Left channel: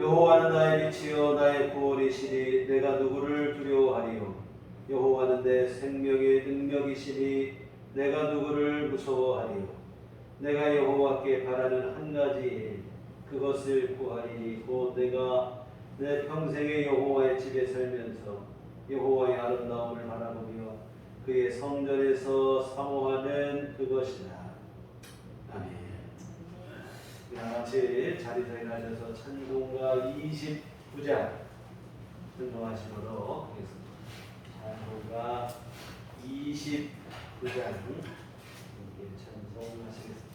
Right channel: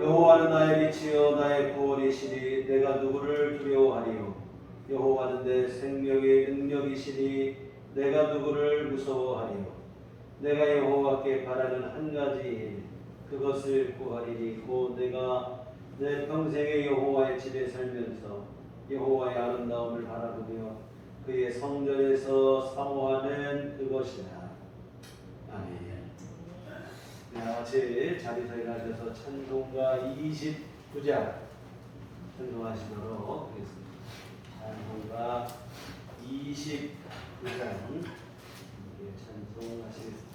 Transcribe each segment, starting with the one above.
여호와는 나의 빛이요 나의 구원이시니 내가 누구를 두려워하리요. 여호와는 내 생명의 능력이시니 내가 누구를 무서워하리요. 내가 여호와께 바라는 한 가지 일 그것을 구하리니 곧 내가 내 평생에 여호와의 집에 살면서 여호와의 아름다움을 바라보며 그의 성전에서 사모하는 그것이라. 아멘. 같이 자리서 일어나셔서 찬송가 29장 찬송하시므로 하겠습니다. 찬송가 29장 찬송하시겠습니다.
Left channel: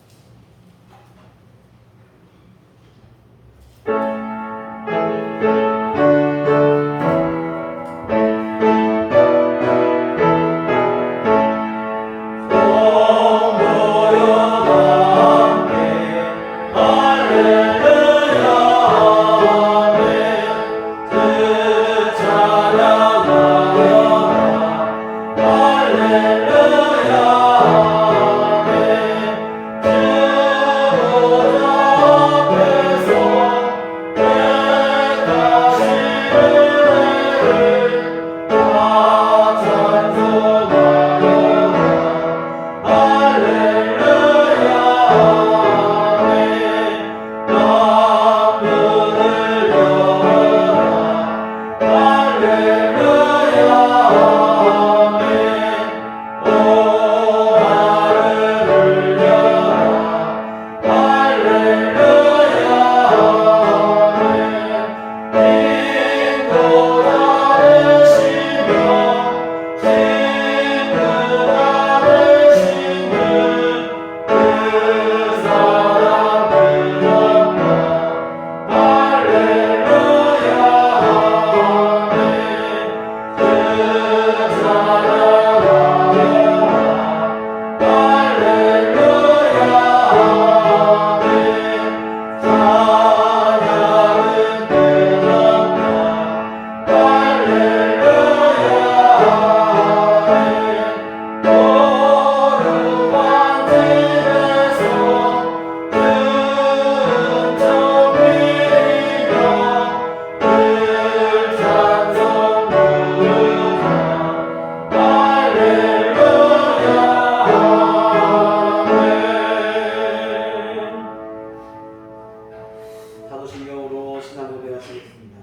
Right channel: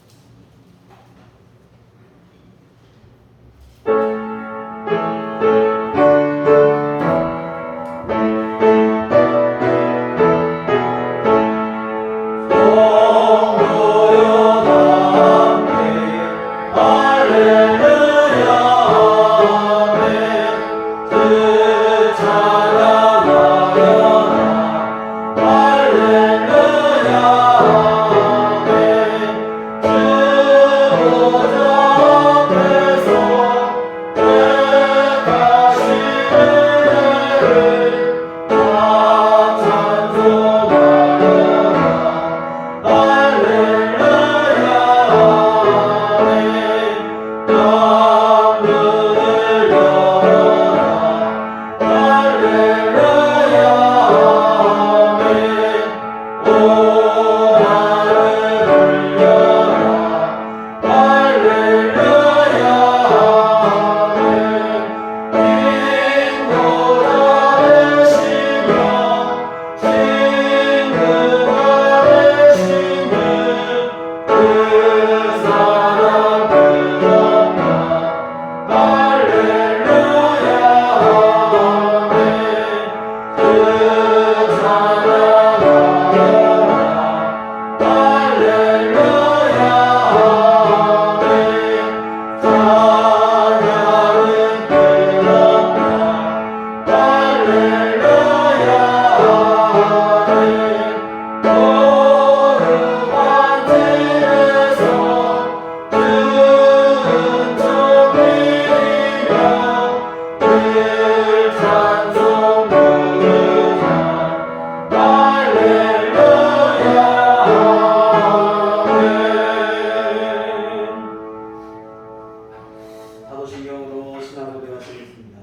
사도신경으로 신앙 고백하시겠습니다.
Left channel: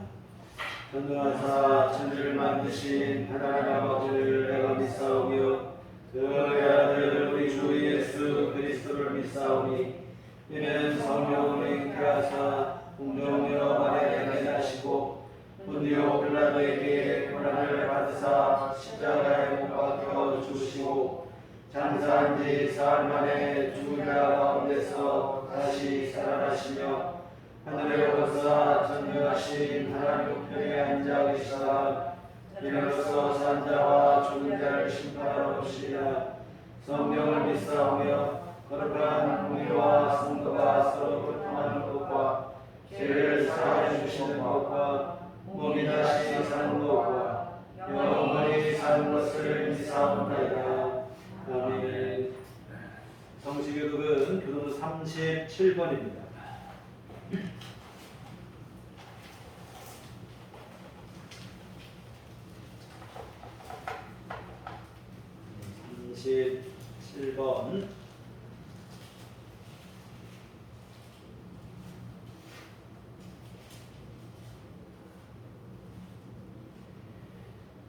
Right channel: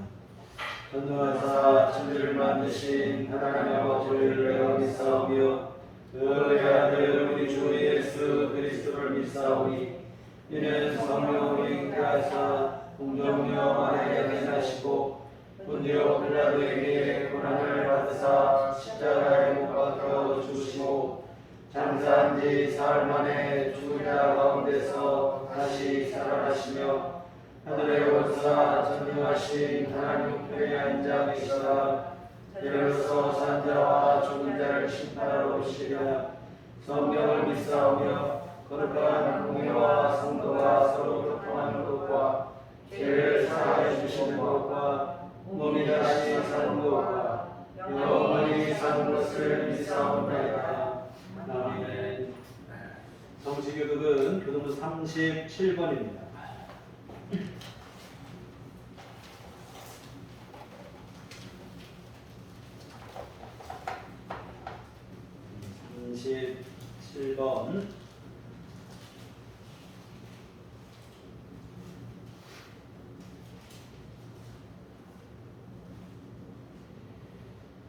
전능하사 천지를 만드신 하나님 아버지를 내가 믿사오며 그의 아들 우리 주 예수 그리스도를 믿사오니 이는 성령으로 잉태하사 동정녀 마리아에게 나시고 본디오 빌라도에게 고난을 받으사 십자가에 못 박혀 죽으시고 장사한 지 사흘 만에 죽은 자 가운데서 다시 살아나시며 하늘에 오르사 전능하신 하나님 우편에 앉아 계시다가 이로써 산 자와 죽은 자를 심판하러 오시리라. 성령을 믿사오며 거룩한 공의와 성도가 서로 교통하는 것과 죄를 사하여 주시는 것과 몸이 다시 사는 것과 영원히 사는 것을 믿사옵나이다. 아멘. 성시교독은 교독문 37번입니다. 37번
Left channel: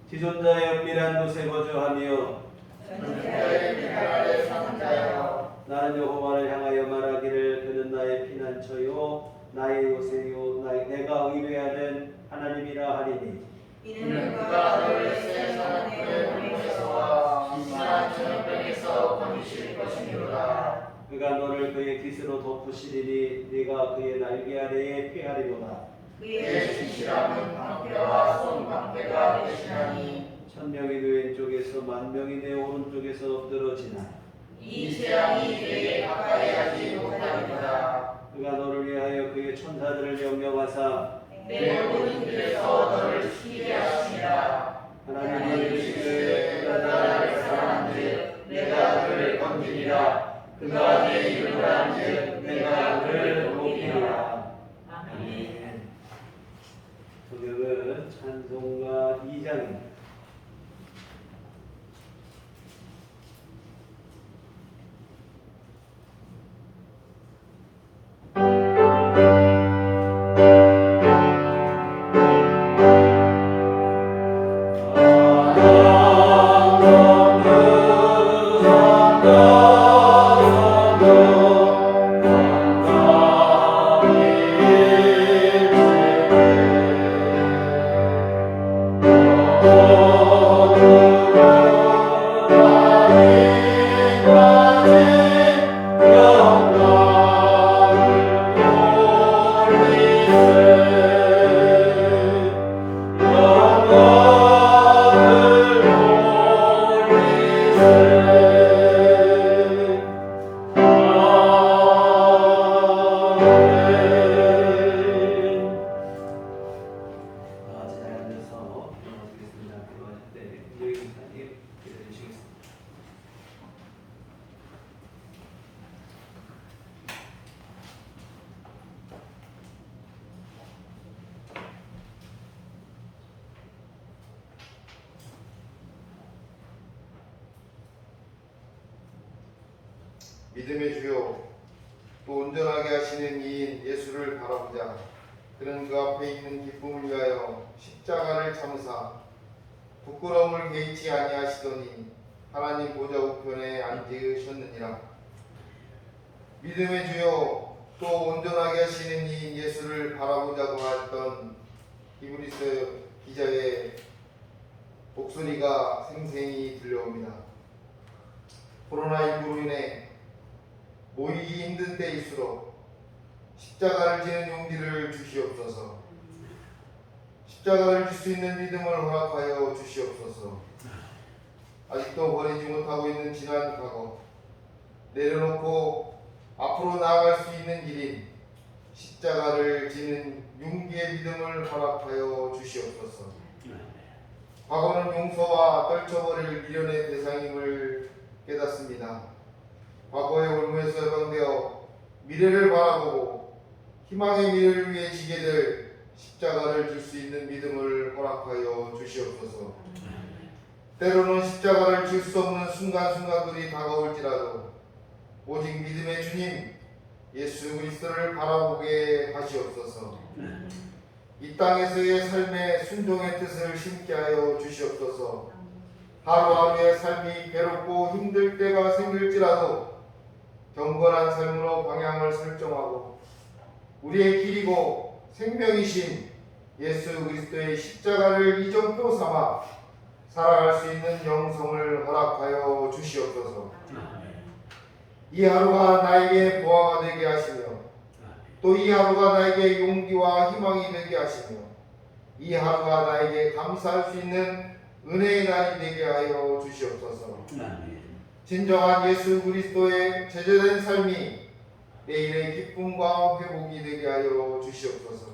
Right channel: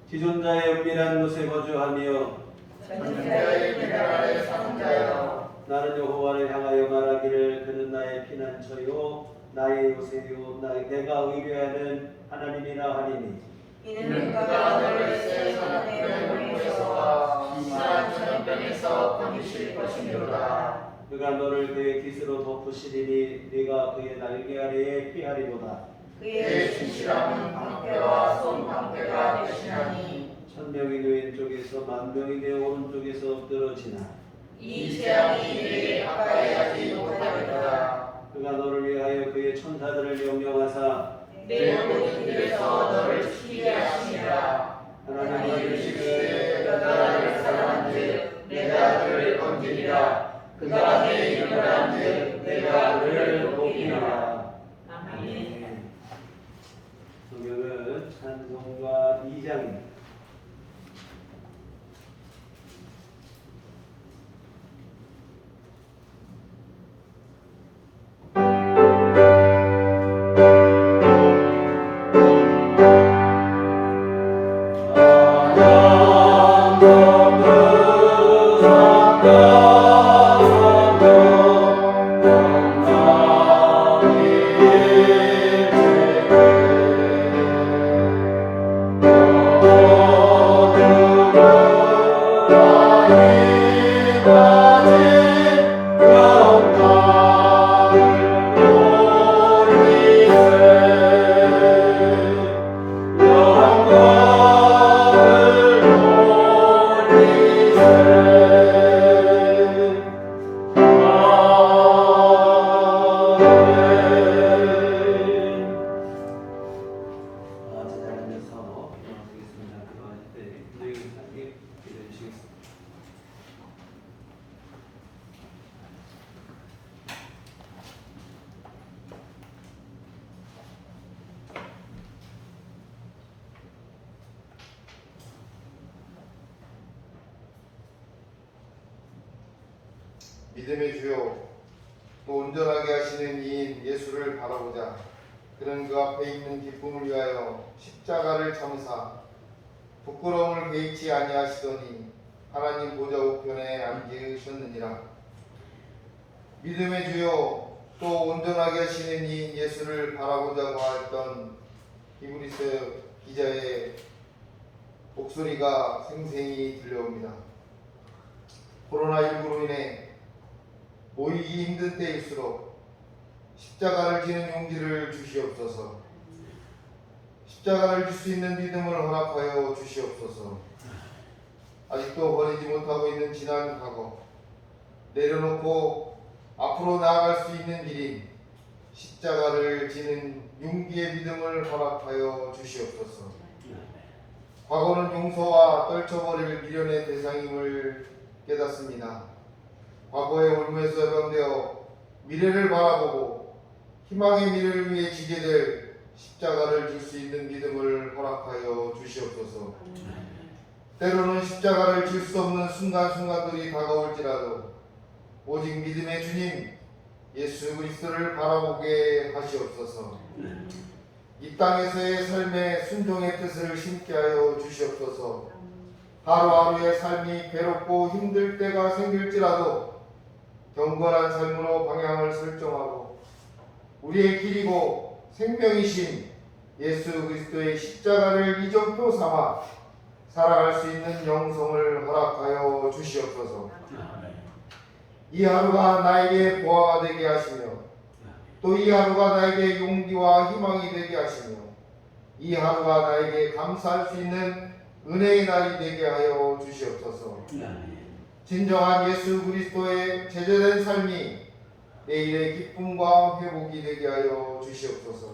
지존자의 은밀한 곳에 거주하며 전지자의 미랄을 상자여 나는 여호와를 향하여 말하기를 그는 나의 피난처요 나의 요새요 내가 의뢰하는 하나님이라 하리니 이는 그가 너를 세상의 영에서와 심한 전염병에서 건지실 것이니로다. 그가 너를 그의 깃으로 덮으시리니 네가 그의 날개 아래에 피하리로다. 그의 진실함은 방패와 손방패가 되시나니 천명이 내 왼쪽에서 만명이 내 오른쪽에서 엎드러지나 이 재앙이 네게 가까이 하지 못하리로다. 그가 너를 위하여 그의 천사들을 명령하사 내 모든 길에서 너를 지키게 하시니라. 하나님이 이르시되 그가 나를 사랑한즉 내가 그를 건지리라. 그가 내 이름을 안즉 내가 그를 높이리라. 아멘. 믿음의 주요 또 온전하게 하시는 이인 예수를 바라보자. 그는 그 앞에 있는 기쁨을 위하여 십자가를 참으사 부끄러움을 개의치 아니하시더니 하나님 보좌 우편에 앉으셨느니라. 믿음의 주요 또 온전하게 하시는 이인 예수를 바라보자고 했던 히브리서 기자의 목소리가 생생히 들려옵니다. 코로나19로 인해 모이기 힘든 때일수록 십자가를 지는 용기를 주시옵소서. 십자가를 질 수 있는 믿음을 허락하여 주시옵소서. 아직도 버리지 못하고 있는 지난 과거, 내려놓고 앞으로 나아갈 수 있는 길인 십자가를 지는 용기의 믿음을 허락하여 주시옵소서. 과거는 용서와 떨쳐버릴 미련의 대상임을 깨닫습니다. 과거의 올무에서 해방되어 미래를 바라보고 희망의 미래를 위해 지게 될 십자가를 질 수 있는 믿음을 허락하여 주시옵소서. 때로는 십자가를 질 수 없는 순간순간들이 다가올지라도 오직 믿음의 주님 예수 그리스도를 바라보게 하시옵소서. 이 땅에서의 삶의 순종의 뜻을 심게 하여 주시옵소서. 하루하루의 삶이 괴롭고 힘들 때가 생길지라도 경건한 삶으로 방향을 설정하고 우리의 길이고 생명이신 예수 그리스도의 십자가를 이정표 삼아 살아갈 수 있는 영성을 허락하여 주시옵소서. 이 하루가 나에게 보화가 되게 하시며 또 이 하루가 나에게 용기와 희망이 되게 하시며 이 하루가 나에게 감사할 수 있는 은혜의 날이 되게 하여 주시옵소서. 진정한 예수 그리스도의 제재된 삶이 내일의 기쁨과 회복이 되게 하여 주시옵소서.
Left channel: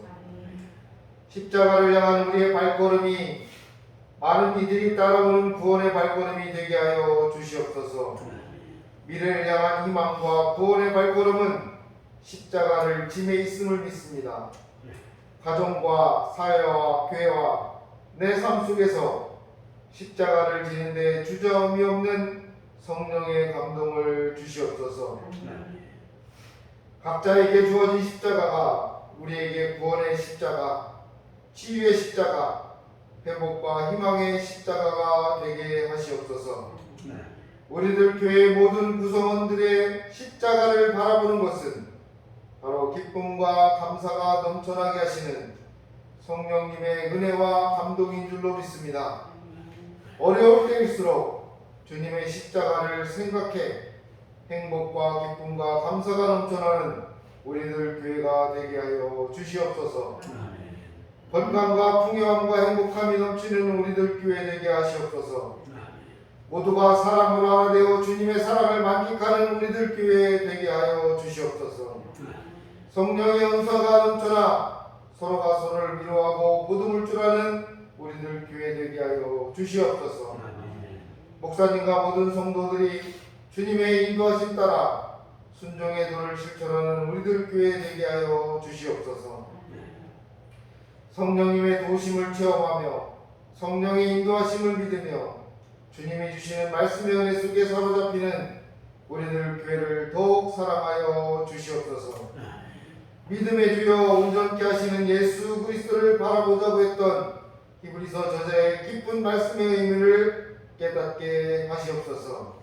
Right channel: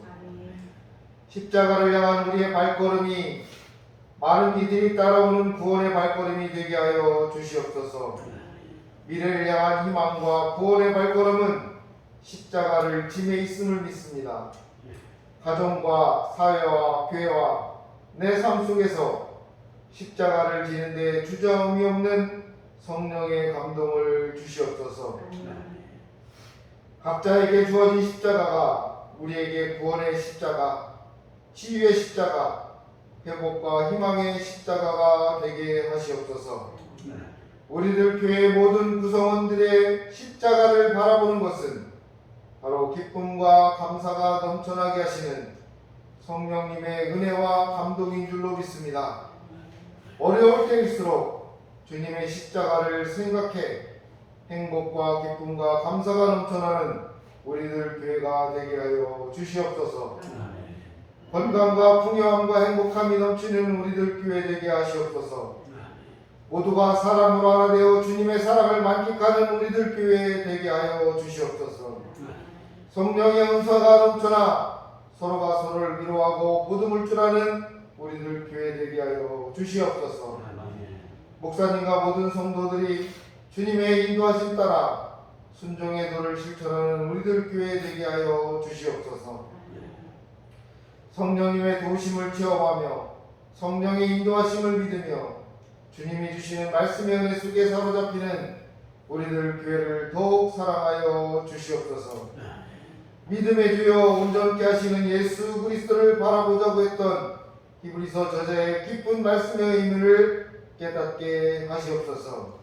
십자가를 향한 우리의 발걸음이 많은 이들이 따라오는 구원의 발걸음이 되게 하여 주시옵소서. 미래를 향한 희망과 구원의 발걸음은 십자가를 짐에 있음을 믿습니다. 가정과 사회와 교회와 내 삶 속에서 십자가를 지는데 주저함이 없는 성령의 감동을 주시옵소서. 각자에게 주어진 십자가가 우리에게 구원의 십자가, 치유의 십자가, 회복과 희망의 십자가가 되게 하시옵소서. 우리들 교회 모든 구성원들의 십자가를 바라보는 것은 바로 기쁨과 감사가 넘쳐나게 하시는 성령님의 은혜와 감동인 줄로 믿습니다. 어려울 때일수록 주님의 십자가를 생각해 행복과 기쁨과 감사가 넘쳐나는 우리들 교회가 되게 하여 주시옵소서. 건강과 풍요함과 행복함이 넘치는 우리들 교회 되게 하시옵소서. 모두가 사랑으로 하나 되어 주님의 사랑을 만끽하는 우리들 교회 되게 하여 주시옵소서. 성령의 은사가 넘쳐나 서로가 서로를 위로하고 보듬을 줄 아는 우리들 교회 되게 하여 주시옵소서. 목사님과 모든 성도들이 주님의 인도하심 따라 순종의 도를 실천하는 우리들 교회 되게 하여 주시옵소서. 성령님의 도우심을 체험하며 성령의 인도하심을 믿으며 주님이 주시는 말씀의 은혜 속에 사로잡히는 우리들 교회를 더욱 사랑하여 주시옵소서. 믿음의 주여 온전케 하시는 예수 그리스도를 바라보자고 했던 히브리서 저자의 깊은 말씀의 의미를 깨닫게 하시옵소서.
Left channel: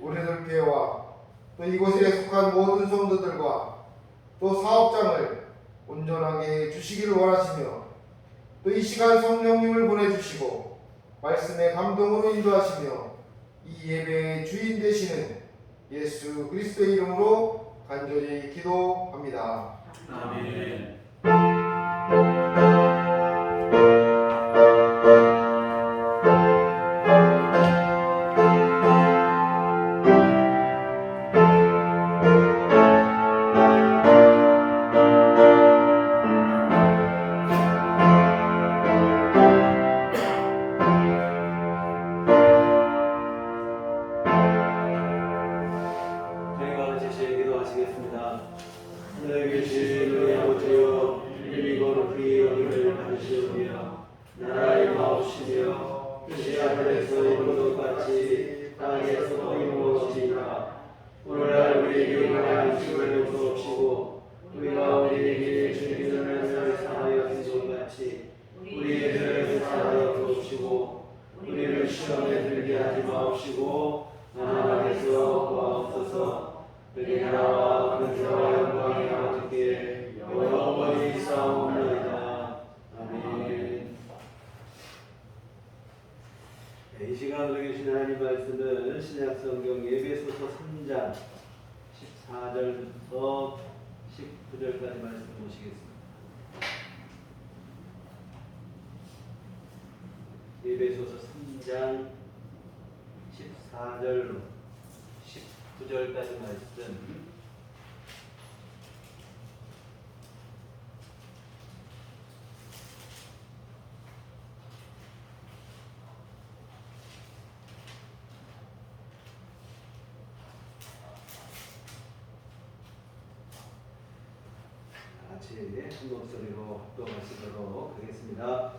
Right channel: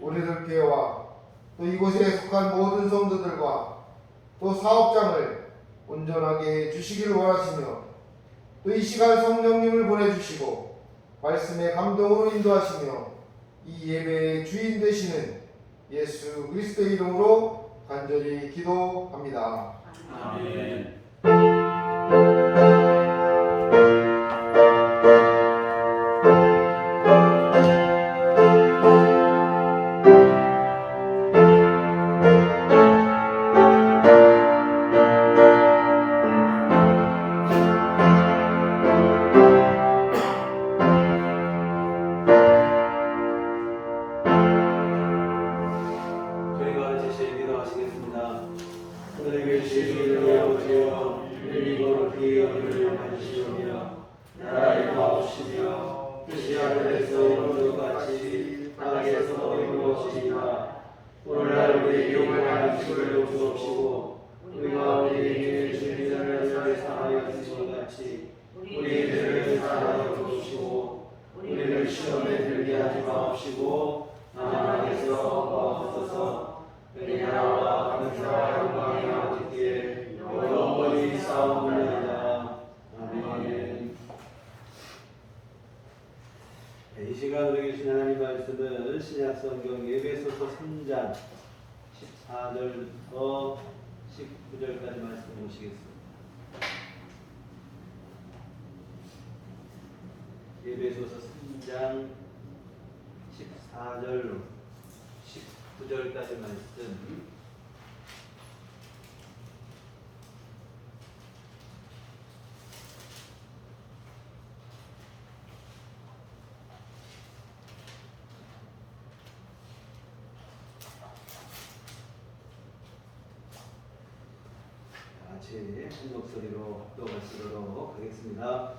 우리들 교회와 또 이곳에 속한 모든 성도들과 또 사업장을 온전하게 주시기를 원하시며 또 이 시간 성령님을 보내주시고 말씀의 감동으로 인도하시며 이 예배의 주인 되시는 예수 그리스도의 이름으로 간절히 기도합니다. 아멘. 저희가 제시 기도하시겠습니다. 하늘에 계신 우리 아버지여 신약성경 에베소서 3장 14절부터 19절까지 말씀 보시겠습니다. 에베소서 3장 14절로 19절까지 말씀. 같이 한 목소리로 합독하시도록 하겠습니다.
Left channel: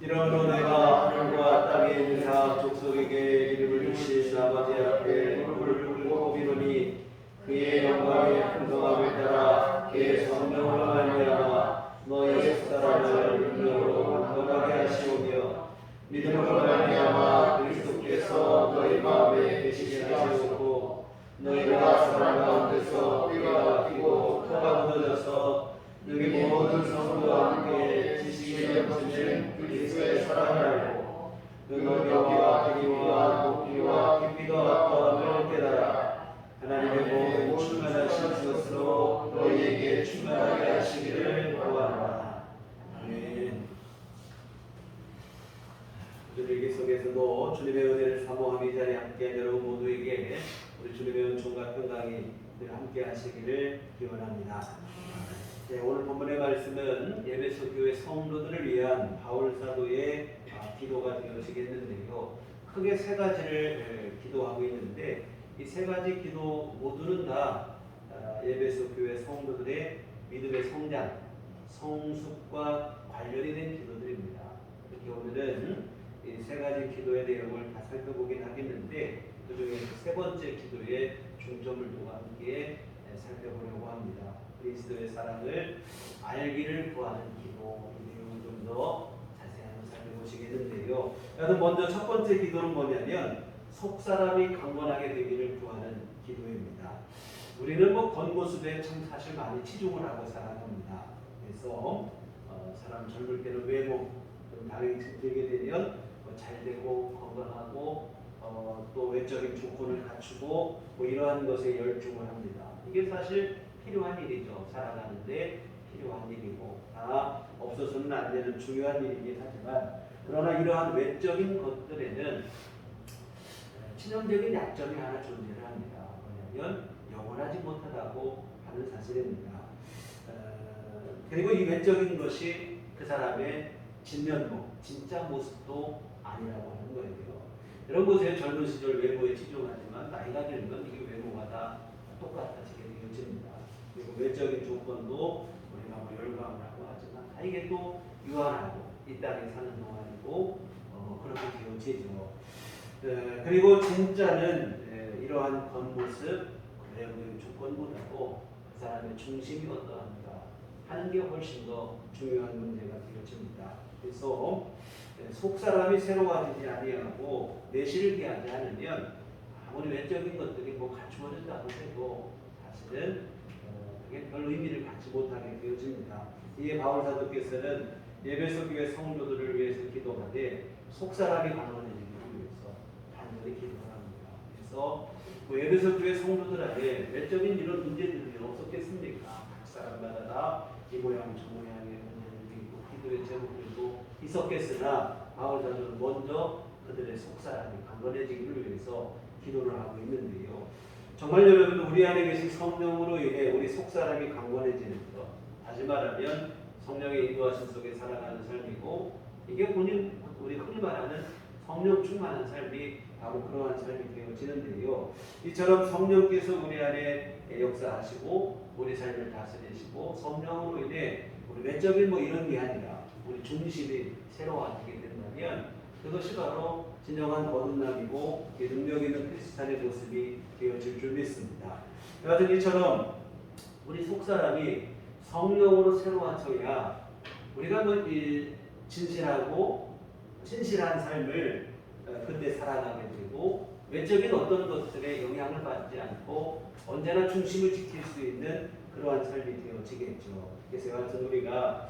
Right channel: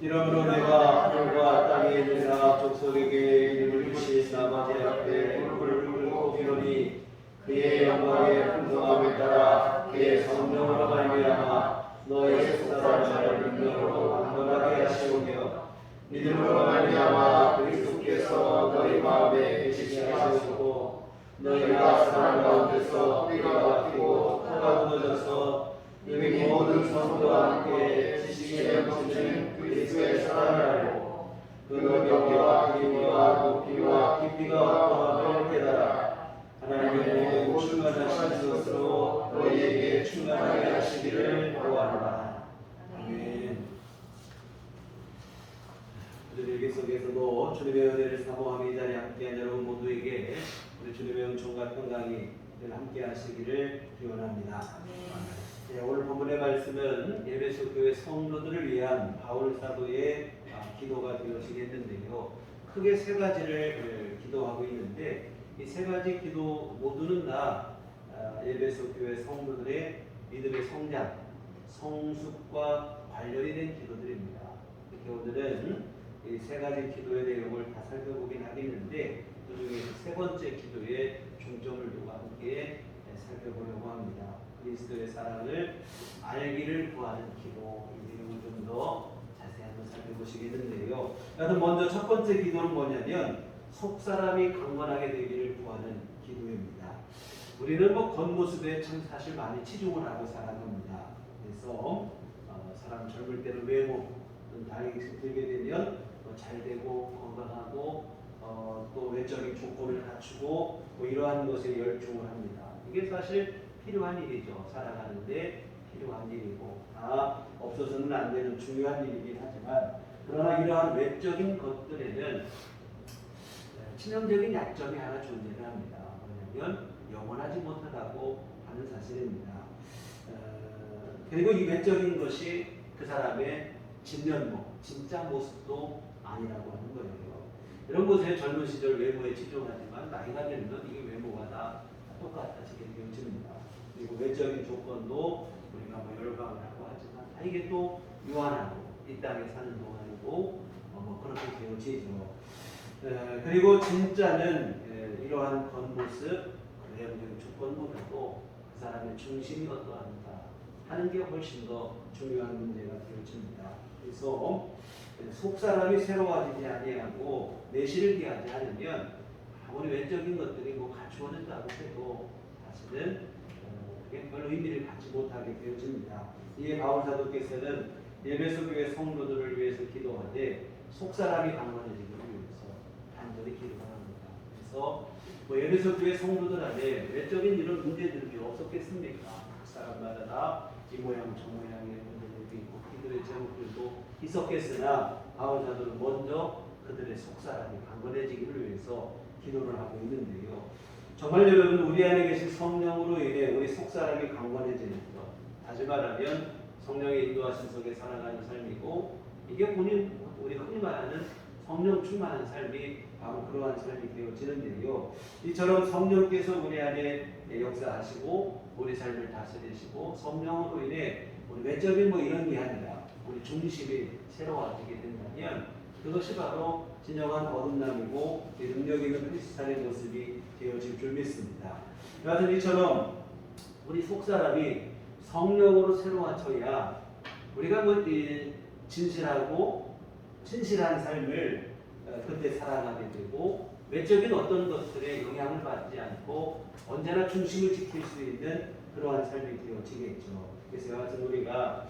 이러므로 내가 하늘과 땅에 있는 각 족속에게 이름을 주신 아버지 앞에 무릎을 꿇고 비노니 그의 영광의 풍성함을 따라 그의 성령으로 말미암아 너희 속사람을 능력으로 강건하게 하시오며 믿음으로 말미암아 그리스도께서 너희 마음에 계시게 하시옵고 너희가 사람 가운데서 때가 막히고 터가 무너져서 너희 모든 성도와 함께 지식에 넘치는 그리스도의 사랑을 알고 그 너비와 길이와 높이와 깊이가 어떠함을 깨달아 하나님의 모든 충만하신 것으로 너희에게 충만하게 하시기를 구하노라. 아멘. 오늘 일기 속에서도 주님의 은혜를 사모하며 이 자리에 함께한 여러분 모두에게 우리 주님의 은총과 평강이 늘 함께 하시기를 기원합니다. 네, 오늘 본문의 말씀은 에베소 교회 성도들을 위한 바울 사도의 기도가 되어지겠는데요. 크게 세 가지를 기도하고 있는데 이 세 가지 기도 모두는 다 에베소 교회 성도들의 믿음의 성장, 성숙과 관련이 된 기도들입니다. 이렇게 오늘은 이 세 가지 기도의 내용을 다 살펴보긴 하겠는데 그 중에서 세 번째 기도에 중점을 두고 함께 살펴보려고 합니다. 그리스도의 사랑을 알기를 구하는 기도, 이 내용을 좀 더 자세히 한번 살펴보시겠는데요. 여하튼 먼저 첫 번째 기도는 뭐냐면 속사람이 강건하게 되기를 구하는 기도입니다. 우리는 겉모습에 참 사실 많이 치중을 하고 살아갑니다. 그래서 사람 젊을 때는 외모, 나이가 들게 되면 잘 되고 건강하고 또 외적인 조건을 갖추고 이러한 것에 열중을 합니다. 이게 사실 필요한 일이죠. 살아가는데 필요한 일이고 없어서는 안 되는 중요한 일이긴 하지만 그러나 이러한 외적인 것들에는 치명적인 약점이 하나 존재를 합니다. 왜냐하면 영원하지 못하다고 하는 사실입니다. 그리고 이 외적인 것이 그 사람의 진면목, 진짜 모습도 아니라고 하는 거예요. 여러분 보세요. 젊은 시절 외모에 치중하지만 나이가 들면 이게 외모가 다 똑같아지게 되어집니다. 그리고 외적인 조건도 우리가 열광을 하고 하지만 다 이게 또 유한하고 이 땅에 사는 동안이고 그렇게 되어지죠. 그리고 진짜는 이러한 겉모습, 외형적인 조건보다도 그 사람의 중심이 어떠한가 하는 게 훨씬 더 중요한 문제가 되어집니다. 그래서 속사람이 새로워지지 아니하고 내실을 기하지 않으면 아무리 외적인 것들이 갖추어진다고 해도 사실은 그게 별 의미를 갖지 못하게 되어집니다. 이에 바울 사도께서는 에베소 교회 성도들을 위해서 기도하되 속사람이 강건해지기 위해서 간절히 기도를 합니다. 그래서 에베소 교회 성도들 안에 외적인 이런 문제들이 없었겠습니까? 각 사람마다 다 이 모양 저 모양의 문제들도 있고 기도의 제목들도 있었겠으나 바울 사도는 먼저 그들의 속사람이 강건해지기를 위해서 기도를 하고 있는데요. 정말 여러분 우리 안에 계신 성령으로 인해 우리 속사람이 강건해지는 것, 다시 말하면 성령의 인도하심 속에 살아가는 삶이고 이게 우리 흔히 말하는 성령 충만한 삶이 바로 그러한 삶이 되어지는데요. 이처럼 성령께서 우리 안에 역사하시고 우리 삶을 다스리시고 성령으로 인해 우리 외적인 이런 게 아니라 우리 중심이 새로워지게 된다면 그것이 바로 진정한 거듭남이고 능력 있는 크리스찬의 모습이 되어질 줄 믿습니다. 여하튼 이처럼 우리 속사람이 성령으로 새로워져야 우리가 진실하고 신실한 삶을 그때 살아가게 되고 외적인 어떤 것들에 영향을 받지 않고 언제나 중심을 지킬 수 있는 그러한 삶이 되어지겠죠. 그래서 여하튼 우리가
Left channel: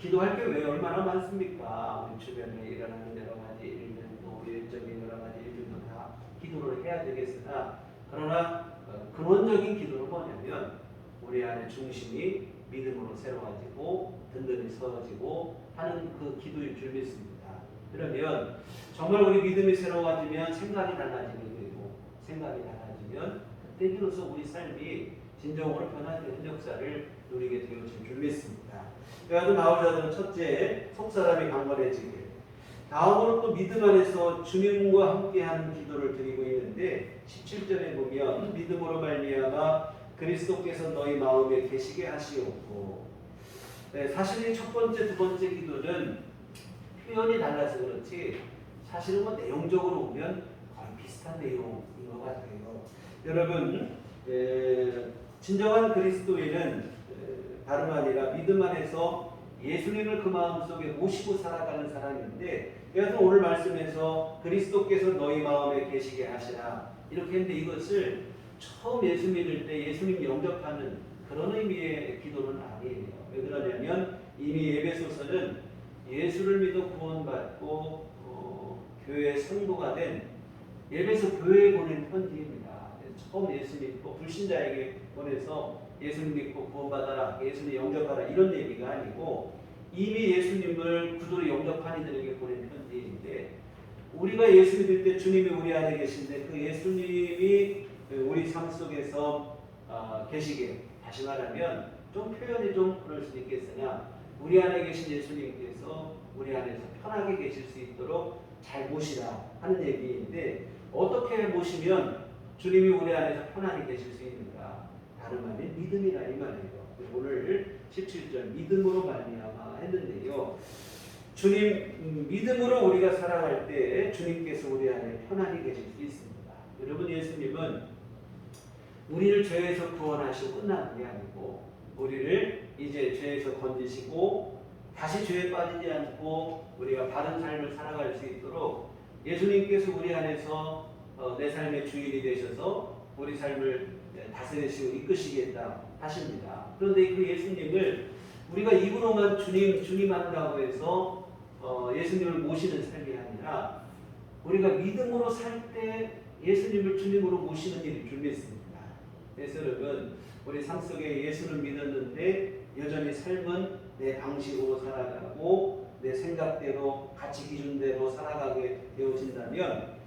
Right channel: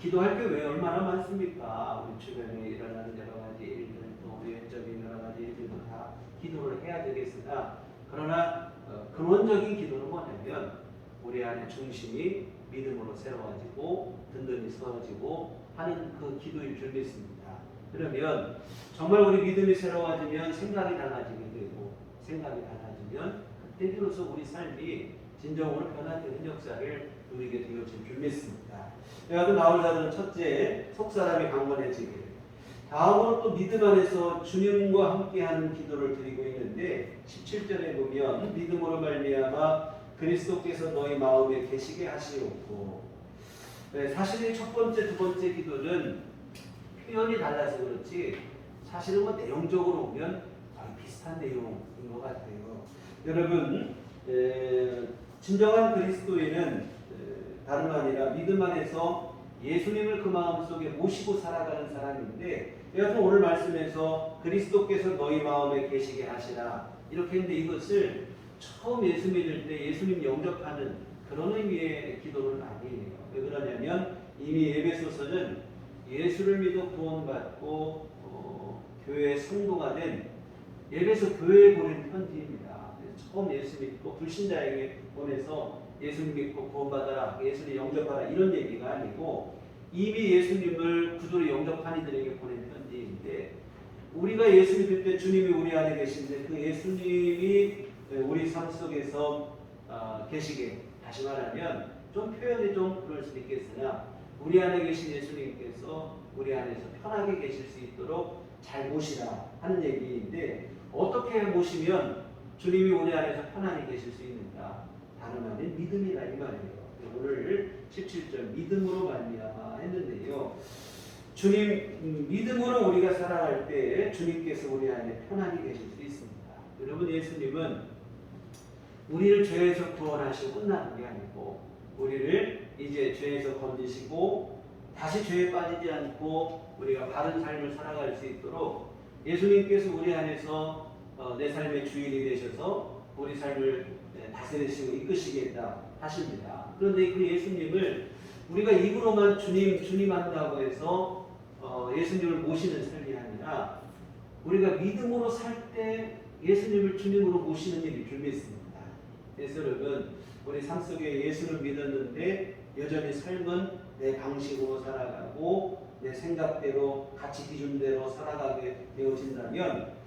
기도할 게 왜 얼마나 많습니까? 우리 주변에 일어나는 여러 가지 일들 또 외적인 여러 가지 일들도 다 기도를 해야 되겠으나 그러나 근원적인 기도는 뭐냐면 우리 안에 중심이 믿음으로 새로워지고 든든히 서어지고 하는 그 기도일 줄 믿습니다. 그러면 정말 우리 믿음이 새로워지면 생각이 달라지게 되고 생각이 달라지면 그때 비로소 우리 삶이 진정으로 변화되는 역사를 누리게 되어질 줄 믿습니다. 그래도 나오자는 첫째 속사람이 강건해지게, 다음으로 또 믿음 안에서 주님과 함께하는 기도를 드리고 있는데 17절에 보면 믿음으로 말미암아 그리스도께서 너희 마음에 계시게 하시옵고, 사실 첫 번째 두 번째 기도는 표현이 달라서 그렇지 사실은 뭐 내용적으로 보면 거의 비슷한 내용인 것 같아요. 여러분 진정한 그리스도인은 다름 아니라 믿음 안에서 예수님을 그 마음속에 모시고 살아가는 사람인데, 그래서 오늘 말씀에서 그리스도께서 너희 마음에 계시게 하시라 이렇게 했는데 이것을 처음 예수 믿을 때 예수님 영접하는 그런 의미의 기도는 아니에요. 왜 그러냐면 이미 에베소서는 예수를 믿어 구원받고 교회의 성도가 된 에베소 교회에 보낸 편지입니다. 처음 예수 믿고 불신자에게 보내서 예수님 믿고 구원받아라, 예수님 영접하라 이런 얘기가 아니고 이미 예수님을 구주로 영접한 이들에게 보낸 편지인데, 우리가 예수 믿을 때 주님이 우리 안에 계신데 그 예수님이 우리 삶 속에서 계시게, 다시 말하면 좀 표현이 좀 그럴 수도 있겠으나 우리 안에 계신 예수님께서 우리 안에서 편하게 계실 수 있도록 잘 모시라 하는 얘기인데, 어떻게 모시면 주님이 우리 안에서 편안히 계실 수 있는가? 다름 아닌 믿음이라 이 말이에요. 오늘 17절 믿음으로 말미암아 했는데요. 주님 믿음으로 우리가 살아갈 때 주님께서 우리 안에 편안히 계실 수 있습니다. 여러분 예수님은 우리를 죄에서 구원하시고 끝나는 게 아니고 우리를 이제 죄에서 건지시고 다시 죄에 빠지지 않고 우리가 바른 삶을 살아갈 수 있도록 예수님께서 우리 안에서 내 삶의 주인이 되셔서 우리 삶을 다스리시고 이끄시겠다 하십니다. 그런데 그 예수님을 우리가 입으로만 주님 한다고 해서 예수님을 모시는 삶이 아니라 우리가 믿음으로 살 때 예수님을 주님으로 모시는 일이 줄 믿습니다. 그래서 여러분 우리 삶 속에 예수를 믿었는데 여전히 삶은 내 방식으로 살아가고 내 생각대로 가치 기준대로 살아가게 되어진다면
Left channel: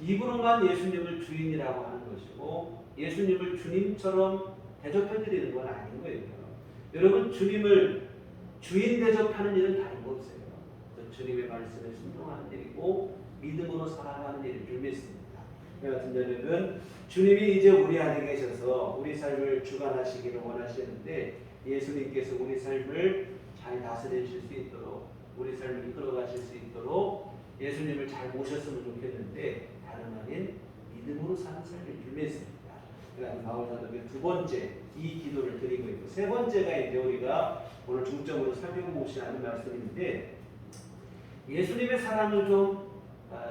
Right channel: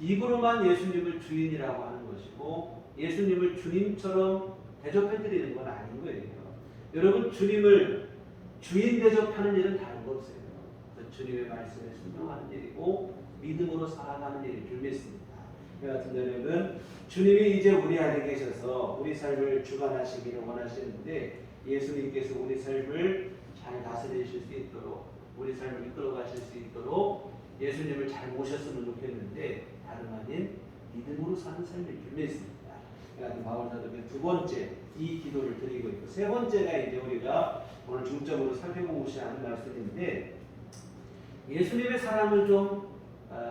입으로만 예수님을 주인이라고 하는 것이고 예수님을 주님처럼 대접해드리는 건 아닌 거예요. 여러분 주님을 주인 대접하는 일은 다른 거 없어요. 주님의 말씀에 순종하는 일이고 믿음으로 살아가는 일인 줄 믿습니다. 여하튼 여러분 주님이 이제 우리 안에 계셔서 우리 삶을 주관하시기를 원하시는데 예수님께서 우리 삶을 잘 다스리실 수 있도록 우리 삶을 이끌어 가실 수 있도록 예수님을 잘 모셨으면 좋겠는데 다름 아닌 믿음으로 사는 삶일 줄 믿습니다. 그래서 바울 사도의 두 번째 이 기도를 드리고 있고 세 번째가 이제 우리가 오늘 중점으로 살펴보고자 하는 말씀인데 예수님의 사랑을 좀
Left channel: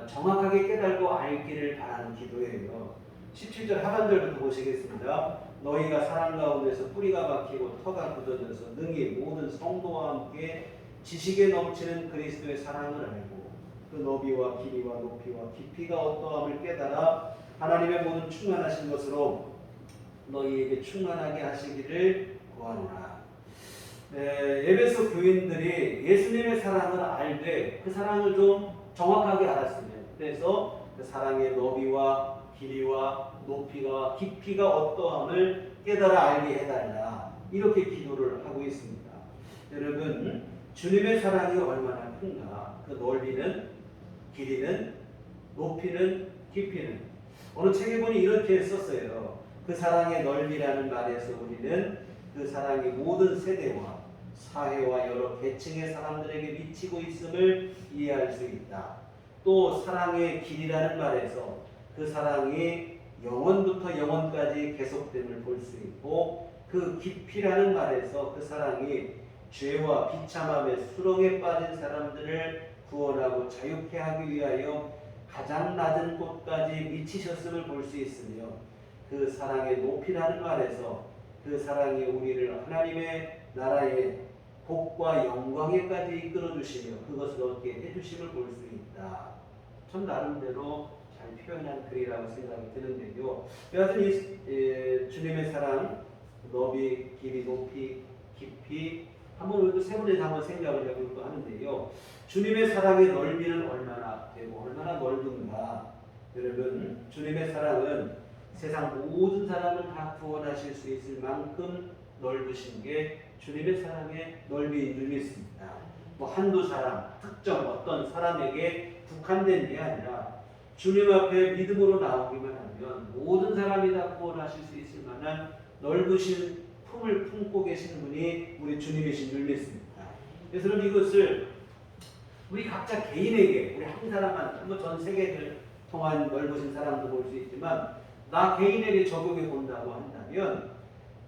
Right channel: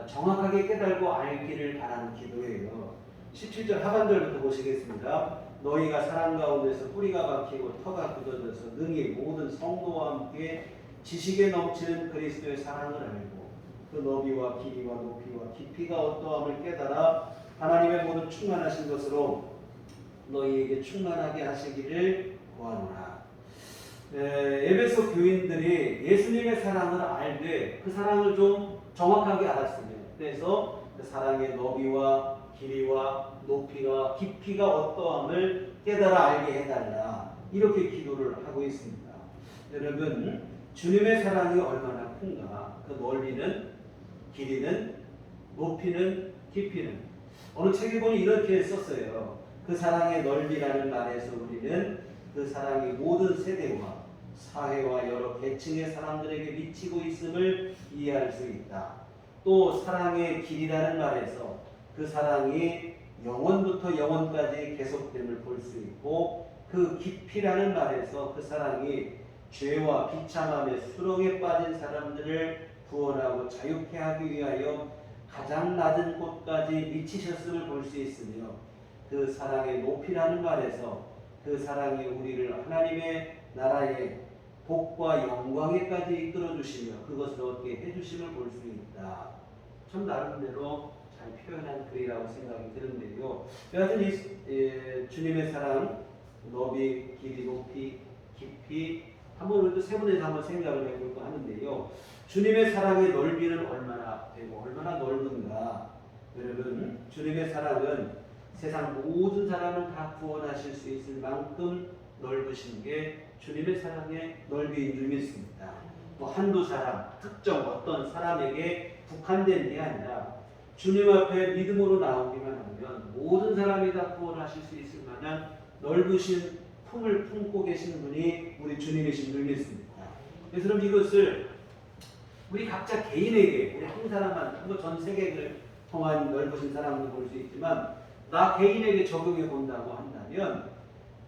정확하게 깨달고 알기를 바라는 기도예요. 17절 하반절부터 보시겠습니다. 너희가 사랑 가운데서 뿌리가 박히고 터가 굳어져서 능히 모든 성도와 함께 지식에 넘치는 그리스도의 사랑을 알고 그 너비와 길이와 높이와 깊이가 어떠함을 깨달아 하나님의 모든 충만하신 것으로 너희에게 충만하게 하시기를 구하노라. 에베소 교인들이 예수님의 사랑을 알되 그 사랑을 좀 정확하게 알았으면, 그래서 그 사랑의 너비와 길이와 높이가 깊이가 어떠함을 깨달아 알게 해달라 이렇게 기도를 하고 있습니다. 여러분 주님의 사랑이 얼마나 큰가, 그 넓이는 길이는 높이는 깊이는 어느 책에 보니 이렇게 썼어요. 그 사랑의 넓이라는 말에서 우리는 그 사랑이 모든 세대와 사회와 여러 계층의 사람들에게 미치고 있음을 이해할 수 있다. 또 사랑의 길이라는 말에서 그 사랑이 영원부터 영원까지 계속됨을 볼 수 있고 그 깊이라는 말에서 그 사랑이 죄와 비참함의 수렁에 빠진 사람들을 구원하고 자유케 하기 위하여 가장 낮은 곳까지 미치셨음을 볼 수 있으며 그 사랑의 높이라는 말에서 그 사랑이 우리를 하나님의 나라의 복과 영광에까지 이끌어 주시며 그것을 얻게 해주심을 볼 수 있다. 참 나름대로 잘 표현한 글이라고 생각이 드는데요. 여하튼 이 주님의 사랑 너비, 길이, 높이, 깊이 한번 우리도 세분에서 한번 생각을 해볼까 하는데요. 주님의 사랑의 넓이는 얼마나 되고 얼마나 넓은가. 여러분, 주님의 사랑은 세상 모든 사람을 다 구원하실 수 있을 만큼 넓으신 게 주님의 사랑의 넓이인 줄 믿습니다. 뭐 한두 사람, 특정 어떤 사람에게 국한된 게 아니라 주님 앞에 믿음으로 나오기만 하면 모든 사람이 다 구원하실 수 있을 만한 넓으신 품을 품고 계신 분이 우리 주님이신 줄 믿습니다. 그래서 그럼 이것을 우리 각자 개인에게, 우리 한 사람한테, 뭐 전 세계를 통한 넓으신 사람도 볼 수 있지만 나 개인에게 적용해 본다고 한다면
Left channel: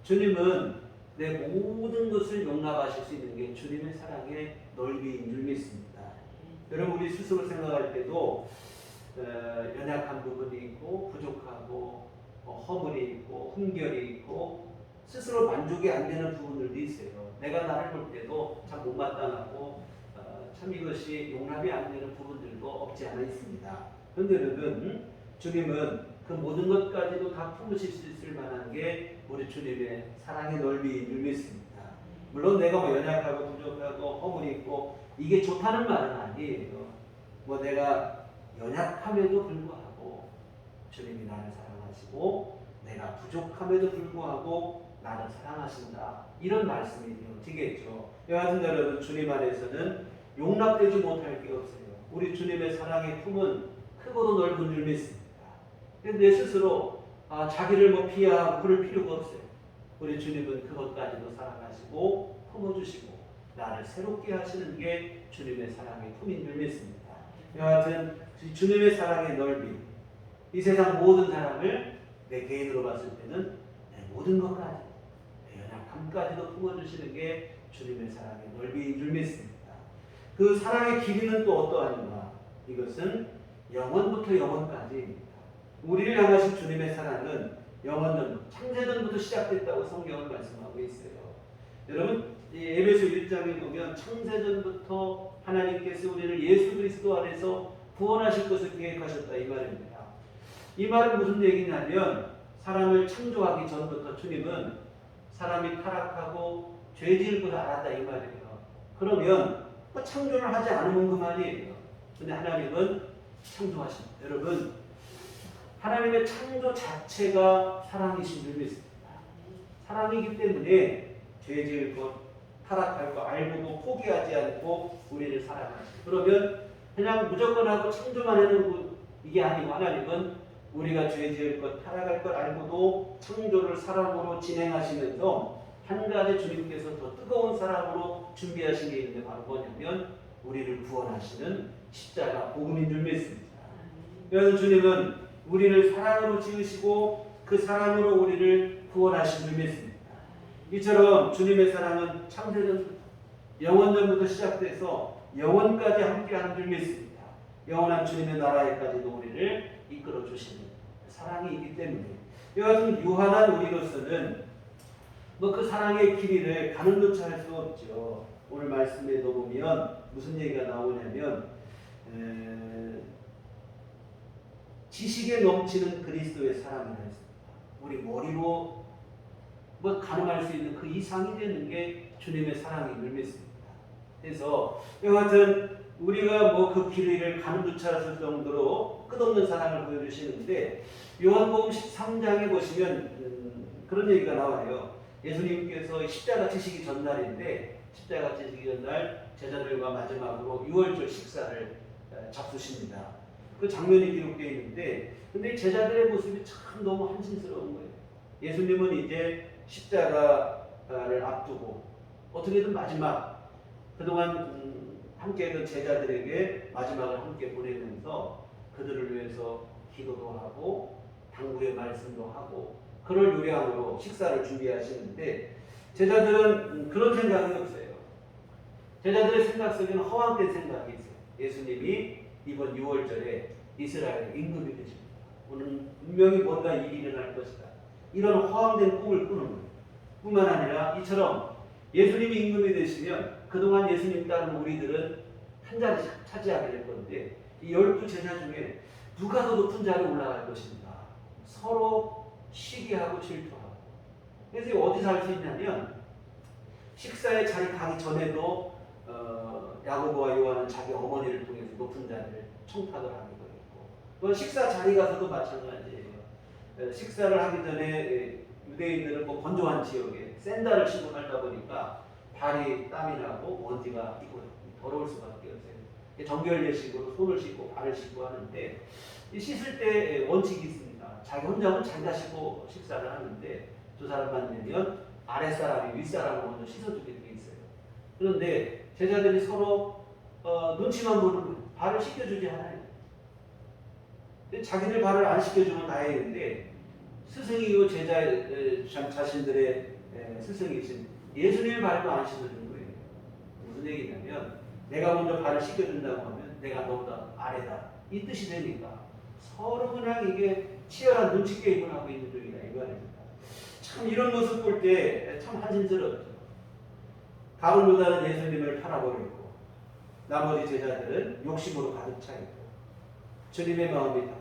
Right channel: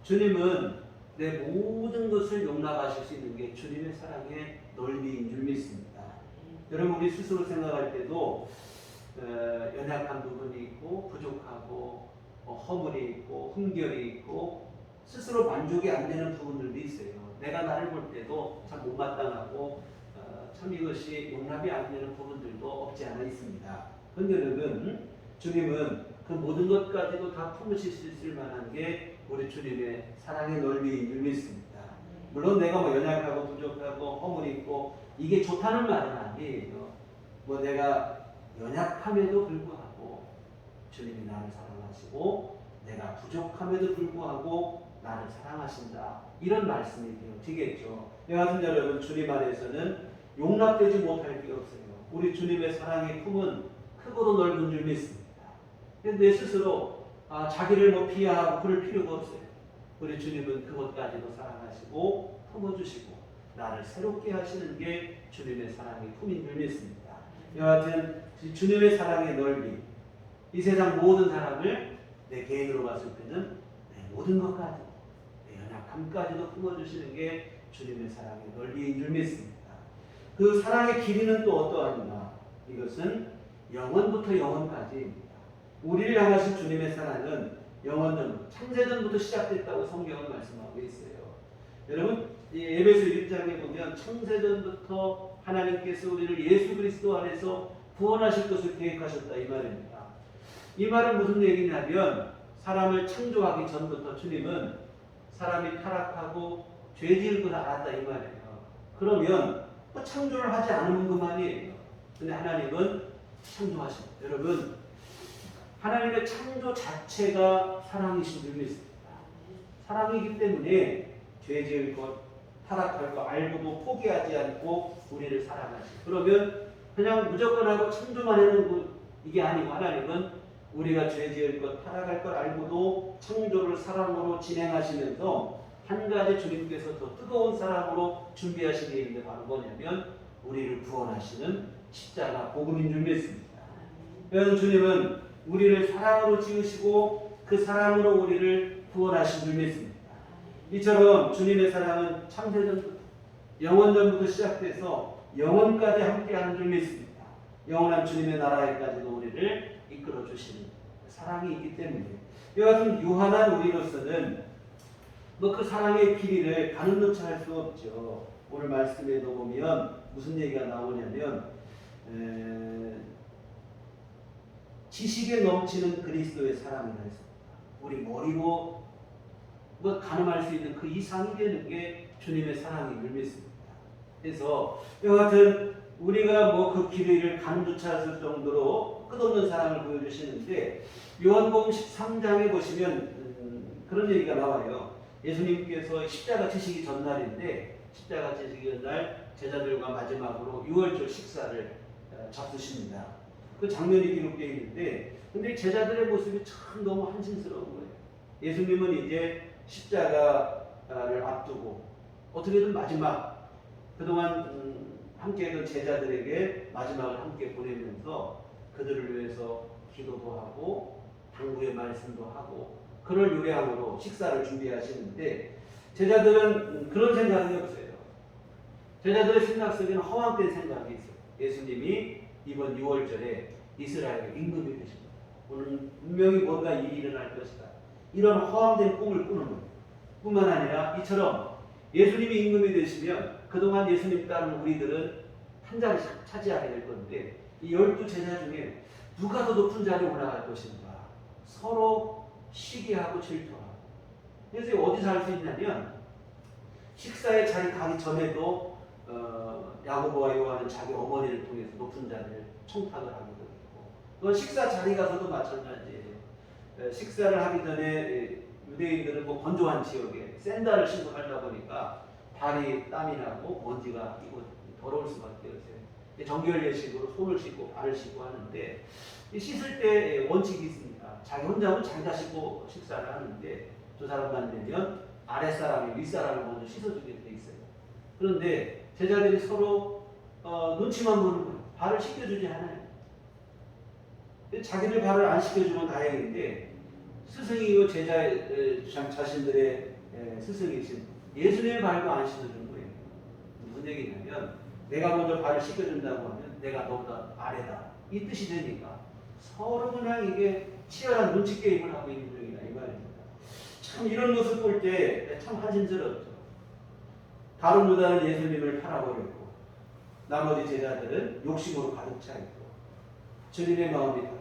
주님은 내 모든 것을 용납하실 수 있는 게 주님의 사랑의 넓이인 줄 믿습니다. 여러분, 우리 스스로 생각할 때도 연약한 부분이 있고 부족하고 허물이 있고 흠결이 있고 스스로 만족이 안 되는 부분들도 있어요. 내가 나를 볼 때도 참 못마땅하고 참 이것이 용납이 안 되는 부분들도 없지 않아 있습니다. 그런데 여러분, 주님은 그 모든 것까지도 다 품으실 수 있을 만한 게 우리 주님의 사랑의 넓이인 줄 믿습니다. 물론 내가 뭐 연약하고 부족하고 허물이 있고 이게 좋다는 말은 아니에요. 뭐 내가 연약함에도 불구하고 주님이 나를 사랑하시고 내가 부족함에도 불구하고 나를 사랑하신다, 이런 말씀이 되겠죠. 여하튼 여러분, 주님 안에서는 용납되지 못할 게 없어요. 우리 주님의 사랑의 품은 크고도 넓은 줄 믿습니다. 내 스스로 자기를 뭐 비하하고 그럴 필요가 없어요. 우리 주님은 그것까지도 사랑하시고 품어주시고 나를 새롭게 하시는 게 주님의 사랑의 품인 줄 믿습니다. 여하튼 주님의 사랑의 넓이, 이 세상 모든 사람을 내 개인으로 봤을 때는 내 모든 것까지, 내 연약함까지도 품어주시는 게 주님의 사랑의 넓이인 줄 믿습니다. 그 사랑의 길이는 또 어떠한가? 이것은 영원부터 영원까지입니다. 우리를 향하신 주님의 사랑은 영원전, 창세전부터 시작됐다고 성경은 말씀하고 있어요. 여러분, 이 에베소 1장에 보면 창세전부터 하나님께서 우리를 예수 그리스도 안에서 구원하실 것을 계획하셨다, 이 말입니다. 이 말은 무슨 얘기냐면 사람을 창조하기 전부터 주님은 사람이 타락하고 죄 지을 것을 알았다, 이 말이에요. 그러면 뭐 창조를 하지 않으면 그만이에요. 근데 하나님은 창조하십니다. 여러분, 하나님의 창조 자체가 사랑이신 줄 믿습니다. 사랑이기 때문에 죄 지을 것, 타락할 것 알고도 포기하지 않고 우리를 사랑하시고, 그러면 그냥 무조건 하고 창조만 하는 이게 아니고 하나님은 우리가 죄 지을 것, 타락할 것 알고도 창조를 사랑으로 진행하시면서 한 가지 주님께서 더 뜨거운 사랑으로 준비하신 게 있는데 바로 뭐냐면 우리를 구원하시는 십자가 복음인 줄 믿습니다. 그래서 주님은 우리를 사랑으로 지으시고 그 사랑으로 우리를 구원하신 줄 믿습니다. 이처럼 주님의 사랑은 창세전부터 영원전부터 시작돼서 영원까지 함께하는 줄 믿습니다. 영원한 주님의 나라에까지도 우리를 이끌어 주시는 사랑이 있기 때문에 여하튼 유한한 우리로서는 뭐 그 사랑의 길이를 가는 듯 할 수 없죠. 오늘 말씀에도 보면 무슨 얘기가 나오냐면 지식에 넘치는 그리스도의 사랑이라 했습니다. 우리 머리로 뭐 가늠할 수 있는 그 이상이 되는 게 주님의 사랑인 줄 믿습니다. 그래서 여하튼 우리가 뭐 그 길이를 가는 듯 할 정도로 끝없는 사랑을 보여주시는데 요한복음 13장에 보시면 그런 얘기가 나와요. 예수님께서 십자가 지시기 전날인데 십자가 지시기 전날 제자들과 마지막으로 유월절 식사를 잡수십니다. 그 장면이 기록되어 있는데 근데 제자들의 모습이 참 너무 한심스러운 거예요. 예수님은 이제 십자가를 앞두고 어떻게든 마지막 그동안 함께했던 제자들에게 마지막을 함께 보내면서 그들을 위해서 기도도 하고 당부의 말씀도 하고 그럴 요량으로 식사를 준비하시는데 제자들은 그런 생각이 없어요. 제자들의 생각 속에는 허황된 생각이 있어요. 예수님이 이번 6월절에 이스라엘의 임금이 되십니다. 오늘 분명히 뭔가 일이 일어날 것이다. 이런 허황된 꿈을 꾸는 거예요. 뿐만 아니라 이처럼 예수님이 임금이 되시면 그동안 예수님 따른 우리들은 한 자리 차지하게 될 건데 이 12제자 중에 누가 더 높은 자리에 올라갈 것인가? 서로 시기하고 질투하고. 그래서 어디서 알 수 있냐면 식사에 자리 가기 전에도 야고보와 요한은 자기 어머니를 통해서 높은 자리를 청탁을 하기도 했고, 또 식사 자리 가서도 마찬가지예요. 식사를 하기 전에 유대인들은 뭐 건조한 지역에 샌들을 신고 살다 보니까 발이 땀이 나고 먼지가 끼고 더러울 수밖에 없어요. 정결 예식으로 손을 씻고 발을 씻고 하는데, 이 씻을 때 원칙이 있습니다. 자기 혼자는 자기가 씻고 식사를 하는데 두 사람만 되면 아랫사람이 윗사람을 먼저 씻어주게 돼 있어요. 그런데 제자들이 서로 눈치만 보는 거예요. 발을 씻겨주지 않아요. 자기들 발을 안 씻겨주면 다행인데 스승이고 자신들의 스승이신 예수님의 발도 안 씻어주는 거예요. 무슨 얘기냐면 내가 먼저 발을 씻겨준다고 하면 내가 너보다 아래다, 이 뜻이 되니까 서로 그냥 이게 치열한 눈치 게임을 하고 있는 중이다 이 말입니다. 참 이런 모습 볼 때 참 한심스럽죠. 가룟 유다는 예수님을 팔아버렸고 나머지 제자들은 욕심으로 가득 차 있고 주님의 마음이 답답.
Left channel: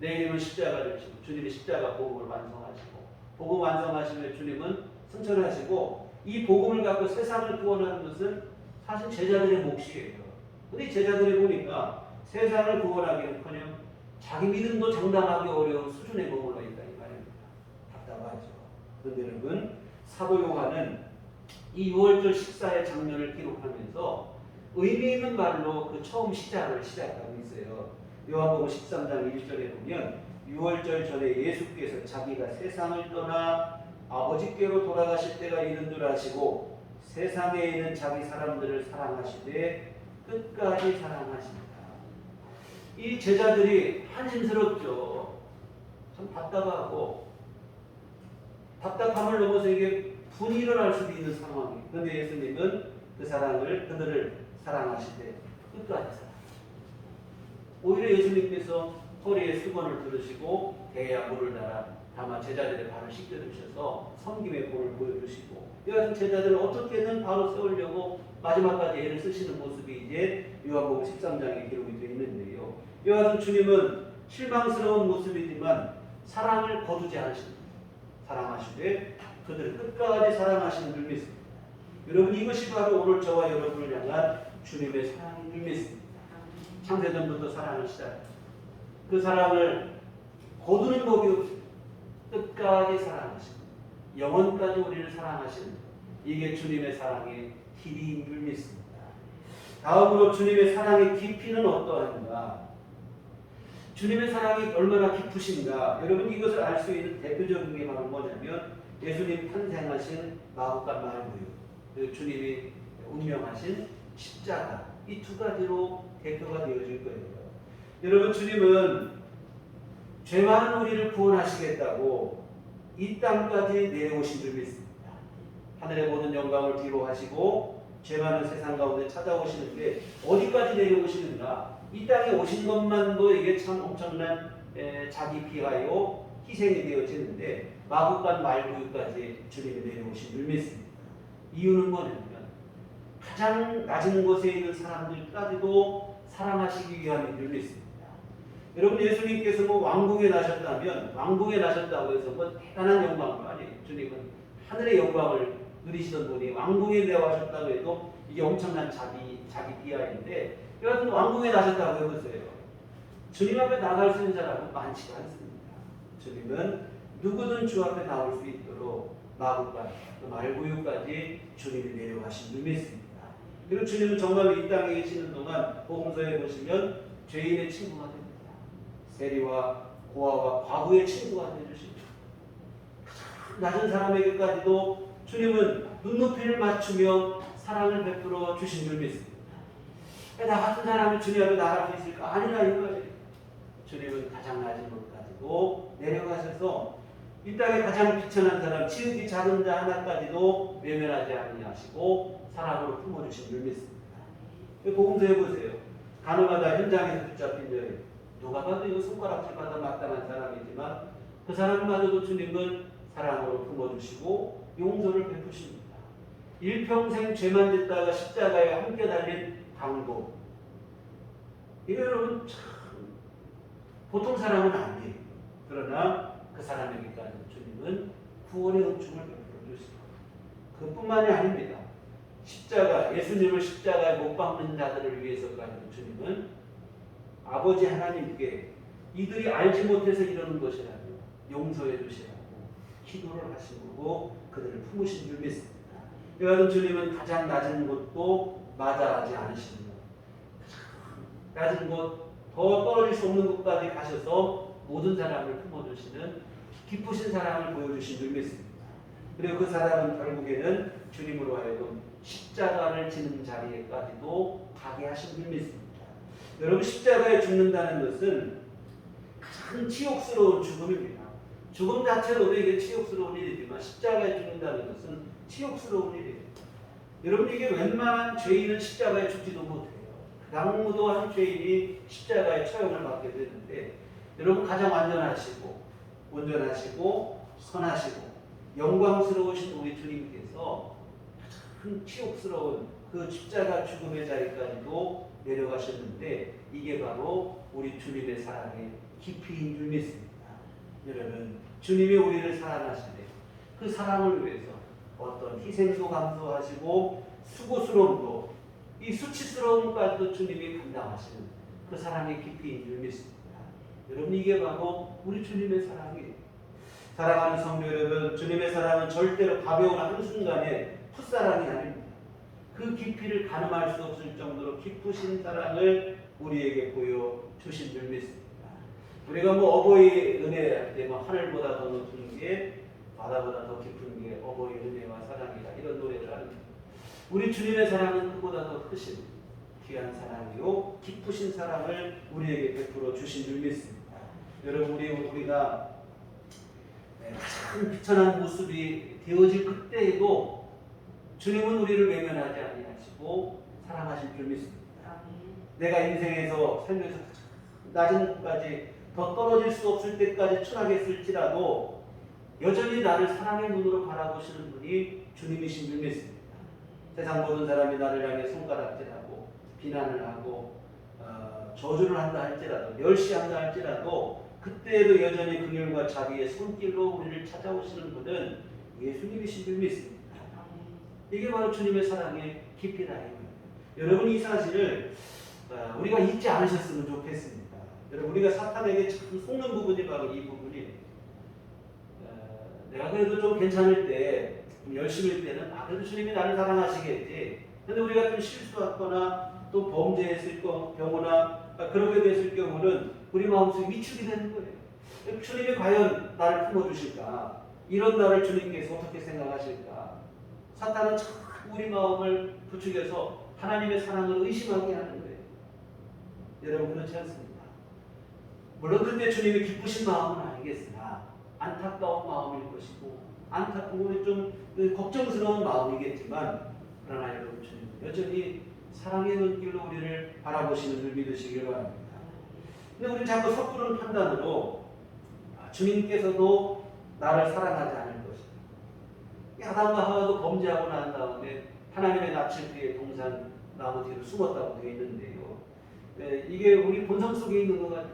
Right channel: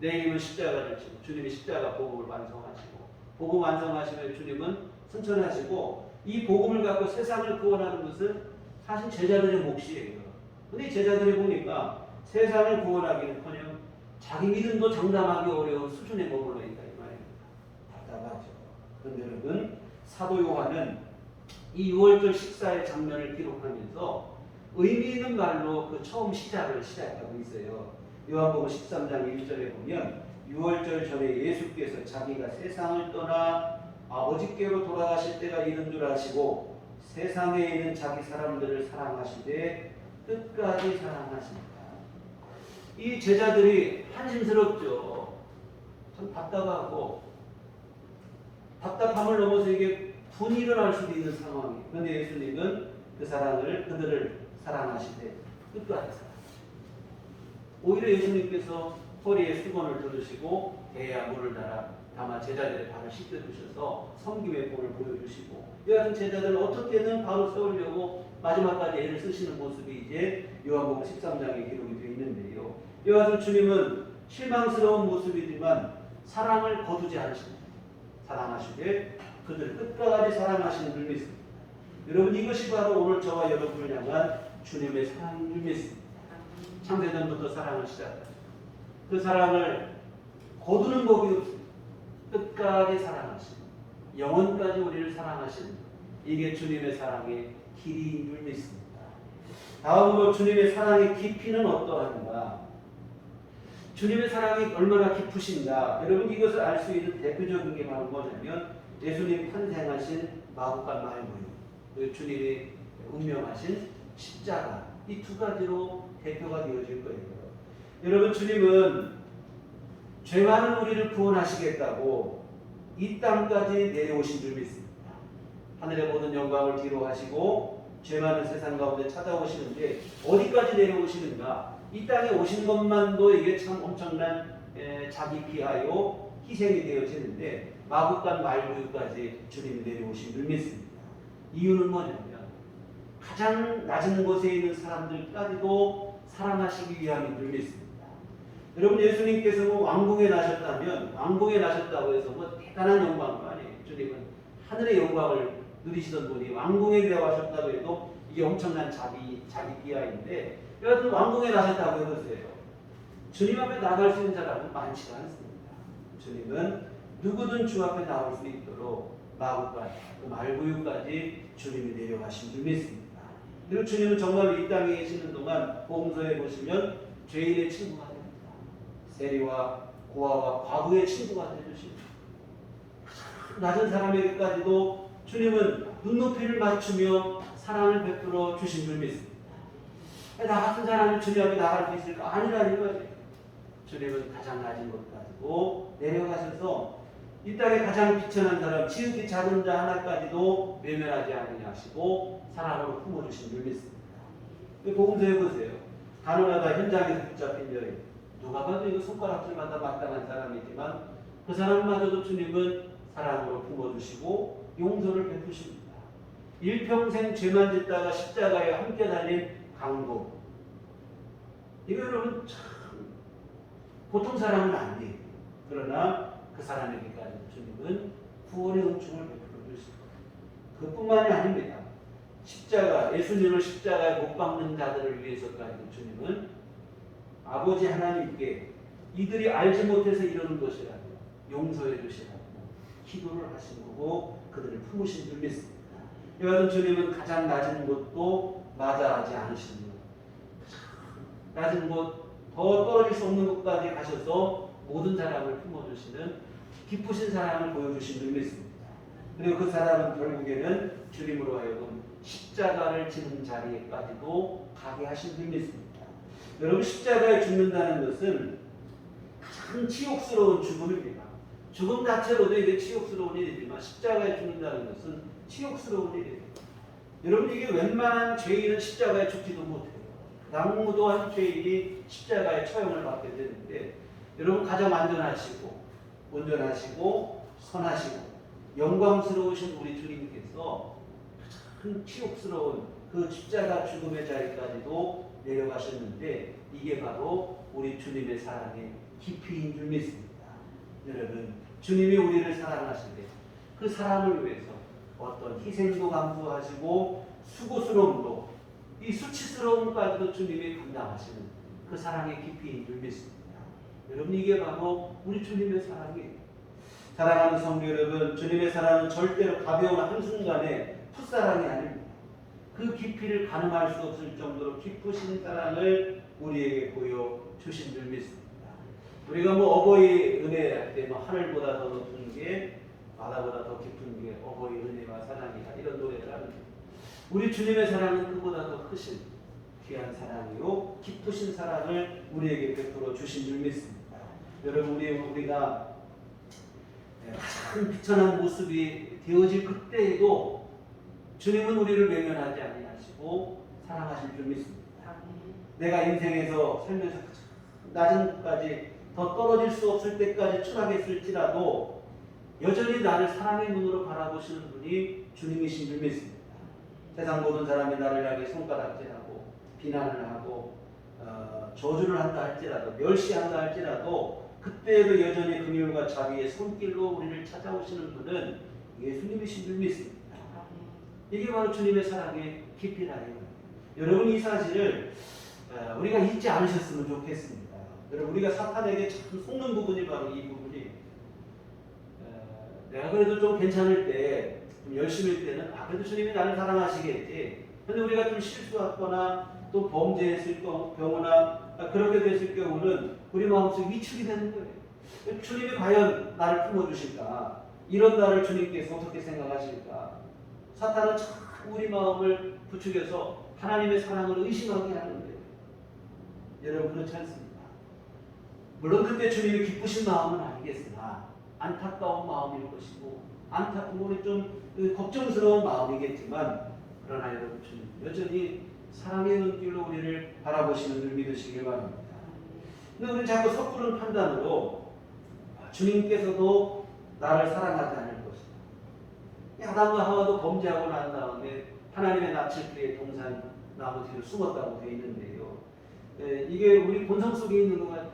내일이면 십자가를 지고 주님이 십자가 복음을 완성하시고 복음 완성하시면 주님은 승천하시고 이 복음을 갖고 세상을 구원하는 것은 사실 제자들의 몫이에요. 근데 제자들이 보니까 세상을 구원하기는커녕 자기 믿음도 장담하기 어려운 수준에 머물러 있다 이 말입니다. 답답하죠. 그런데 여러분, 사도 요한은 이 6월절 식사의 장면을 기록하면서 의미 있는 말로 그 처음 시작을 시작하고 있어요. 요한복음 13장 1절에 보면 6월절 전에 예수께서 자기가 세상을 떠나 아버지께로 돌아가실 때가 이른 줄 아시고 세상에 있는 자기 사람들을 사랑하시되 끝까지 사랑하신다. 이 제자들이 한심스럽죠. 참 답답하고 답답함을 넘어서 이게 분이 일어날 수도 있는 상황이에요. 그런데 예수님은 그들을 사랑하시되 끝까지 사랑하십니다. 오히려 예수님께서 허리에 수건을 두르시고 배에 물을 달아 다만 제자들의 발을 씻겨주셔서 섬김의 본을 보여주시고, 이 같은 제자들을 어떻게든 바로 세우려고 마지막까지 애를 쓰시는 모습이 이제 요한복음 13장에 기록이 되어 있는데요. 이 같은 주님은 실망스러운 모습이지만 사랑을 거두지 않으십니다. 사랑하시되 그들을 끝까지 사랑하시는 줄 믿습니다. 여러분, 이것이 바로 오늘 저와 여러분을 향한 주님의 사랑인 줄 믿습니다. 창세전부터 사랑을 시작하죠. 그 사랑을 거두는 법이 없습니다. 끝까지 사랑하시고 영원까지 우리를 사랑하시는 것, 이게 주님의 사랑의 길이인 줄 믿습니다. 다음으로 주님의 사랑의 깊이는 어떠한가? 주님의 사랑이 얼마나 깊으신가? 여러분, 이것을 알 수 있는 대표적인 게 바로 뭐냐면 예수님 탄생하신 마구간 말구유, 그리고 주님이 운명하신 십자가, 이 두 가지로 대표가 되어질 거예요. 여러분, 주님은 죄 많은 우리를 구원하시겠다고 이 땅까지 내려오신 줄 믿습니다. 하늘의 모든 영광을 뒤로 하시고 죄 많은 세상 가운데 찾아오시는데 어디까지 내려오시는가? 이 땅에 오신 것만도 이게 참 엄청난 자기 비하여 희생이 되어지는데 마구간 말구유까지 주님이 내려오신 줄 믿습니다. 이유는 뭐냐면 가장 낮은 곳에 있는 사람들까지도 사랑하시기 위함인 줄 믿습니다. 여러분, 예수님께서 뭐 왕궁에 나셨다면 왕궁에 나셨다고 해서 뭐 대단한 영광도 아니에요. 주님은 하늘의 영광을 누리시던 분이 왕궁에 내려가셨다고 해도 이게 엄청난 자기 비하인데, 여하튼 왕궁에 나셨다고 해보세요. 주님 앞에 나갈 수 있는 사람은 많지가 않습니다. 주님은 누구든 주 앞에 나올 수 있도록 마구간, 그 말구유까지 주님이 내려가신 줄 믿습니다. 그리고 주님은 정말 이 땅에 계시는 동안 복음서에 보시면 죄인의 친구가 됩니다. 세리와 고아와 과부의 친구가 되주십니다. 낮은 사람에게까지도 주님은 눈높이를 맞추며 사랑을 베풀어 주신 줄 믿습니다. 나 같은 사람이 주님 앞에 나갈 수 있을까? 아니라 이거예요. 주님은 가장 낮은 곳까지도 내려가셔서 이 땅에 가장 비천한 사람, 지극히 작은 자 하나까지도 외면하지 않으시고 사랑으로 품어주신 줄 믿습니다. 복음서에 보세요. 가늠하다 현장에서 붙잡힌 여인, 누가 봐도 이거 손가락질마다 마땅한 사람이지만 그 사람마저도 주님은 사랑으로 품어주시고 용서를 베푸십니다. 일평생 죄만 짓다가 십자가에 함께 달린 강도, 이거 여러분 참 보통 사람은 아니에요. 그러나 그 사람에게까지 주님은 구원의 은총을 베풀어 주시고, 그뿐만이 아닙니다. 십자가, 예수님을 십자가에 못 박는 자들을 위해서까지 주님은 아버지 하나님께 이들이 알지 못해서 이러는 것이라도 용서해 주시라고 기도를 하신 거고 그들을 품으신 줄 믿습니다. 이와 같은 주님은 가장 낮은 곳도 마다하지 않으시며 낮은 곳, 더 떨어질 수 없는 곳까지 가셔서 모든 사람을 품어주시는 기쁘신 사랑을 보여주신 줄 믿습니다. 그리고 그 사람은 결국에는 주님으로 하여금 십자가를 지는 자리에까지도 가게 하신 줄 믿습니다. 여러분, 십자가에 죽는다는 것은 가장 치욕스러운 죽음입니다. 죽음 자체로도 이게 치욕스러운 일이지만 십자가에 죽는다는 것은 치욕스러운 일이에요. 여러분, 이게 웬만한 죄인은 십자가에 죽지도 못해요. 강무도한 죄인이 십자가에 처형을 받게 되는데, 여러분, 가장 완전하시고 온전하시고 선하시고 영광스러우신 우리 주님께서 큰 치욕스러운 그 십자가 죽음의 자리까지도 내려가셨는데, 이게 바로 우리 주님의 사랑의 깊이인 줄 믿습니다. 여러분, 주님이 우리를 사랑하시되 그 사랑을 위해서 어떤 희생도 감수하시고 수고스러움도, 이 수치스러움까지도 주님이 감당하시는 그 사랑의 깊이인 줄 믿습니다. 여러분, 이게 바로 우리 주님의 사랑이에요. 사랑하는 성도 여러분, 주님의 사랑은 절대로 가벼운 한순간의 풋사랑이 아닙니다. 그 깊이를 가늠할 수 없을 정도로 깊으신 사랑을 우리에게 보여주신 줄 믿습니다. 우리가 어버이 은혜 때 하늘보다 더 높은 게, 바다보다 더 깊은 게 어버이 은혜와 사랑이다, 이런 노래를 하는데, 우리 주님의 사랑은 그보다 더 크신 귀한 사랑이요 깊으신 사랑을 우리에게 베풀어 주신 줄 믿습니다. 여러분, 우리가 가장 비천한 모습이 되어질 그때에도 주님은 우리를 외면하지 아니하시고 사랑하실 줄 믿습니다. 내가 인생에서 살면서 낮은 곳까지 더 떨어질 수 없을 때까지 추락했을지라도 여전히 나를 사랑의 눈으로 바라보시는 분이 주님이신 줄 믿습니다. 세상 모든 사람이 나를 향해 손가락질하고 비난을 하고 저주를 한다 할지라도, 멸시한다 할지라도, 그때에도 여전히 긍휼과 자비의 손길로 우리를 찾아오시는 분은 예수님이신 줄 믿습니다. 이게 바로 주님의 사랑의 깊이다. 여러분, 이 사실을 우리가 잊지 않으셨으면 좋겠습니다. 여러분, 우리가 사탄에게 참 속는 부분이 바로 이 부분이, 내가 그래도 좀 괜찮을 때, 좀 열심일 때는 그래도 주님이 나를 사랑하시겠지. 근데 우리가 좀 실수했거나 또 범죄했을 경우나 그렇게 됐을 경우는 우리 마음속에 위축이 되는 거예요. 주님이 과연 나를 품어주실까? 이런 나를 주님께서 어떻게 생각하실까? 사탄은 자꾸 우리 마음을 부추겨서 하나님의 사랑을 의심하게 하는 거예요. 여러분, 그렇지 않습니까? 물론 그때 주님이 기쁘신 마음은 아니겠으나 안타까운 마음일 것이고, 우리 좀 걱정스러운 마음이겠지만, 그러나 여러분, 주님 여전히 사랑의 눈길로 우리를 바라보시는 줄 믿으시길 바랍니다. 근데 우리는 자꾸 섣부른 판단으로 주님께서도 나를 사랑하지 않을 것이다, 아담과 하와도 범죄하고 난 다음에 하나님의 낯을 그의 동산 나무 뒤로 숨었다고 되어 있는데요, 이게 우리 본성 속에 있는 것 같아요.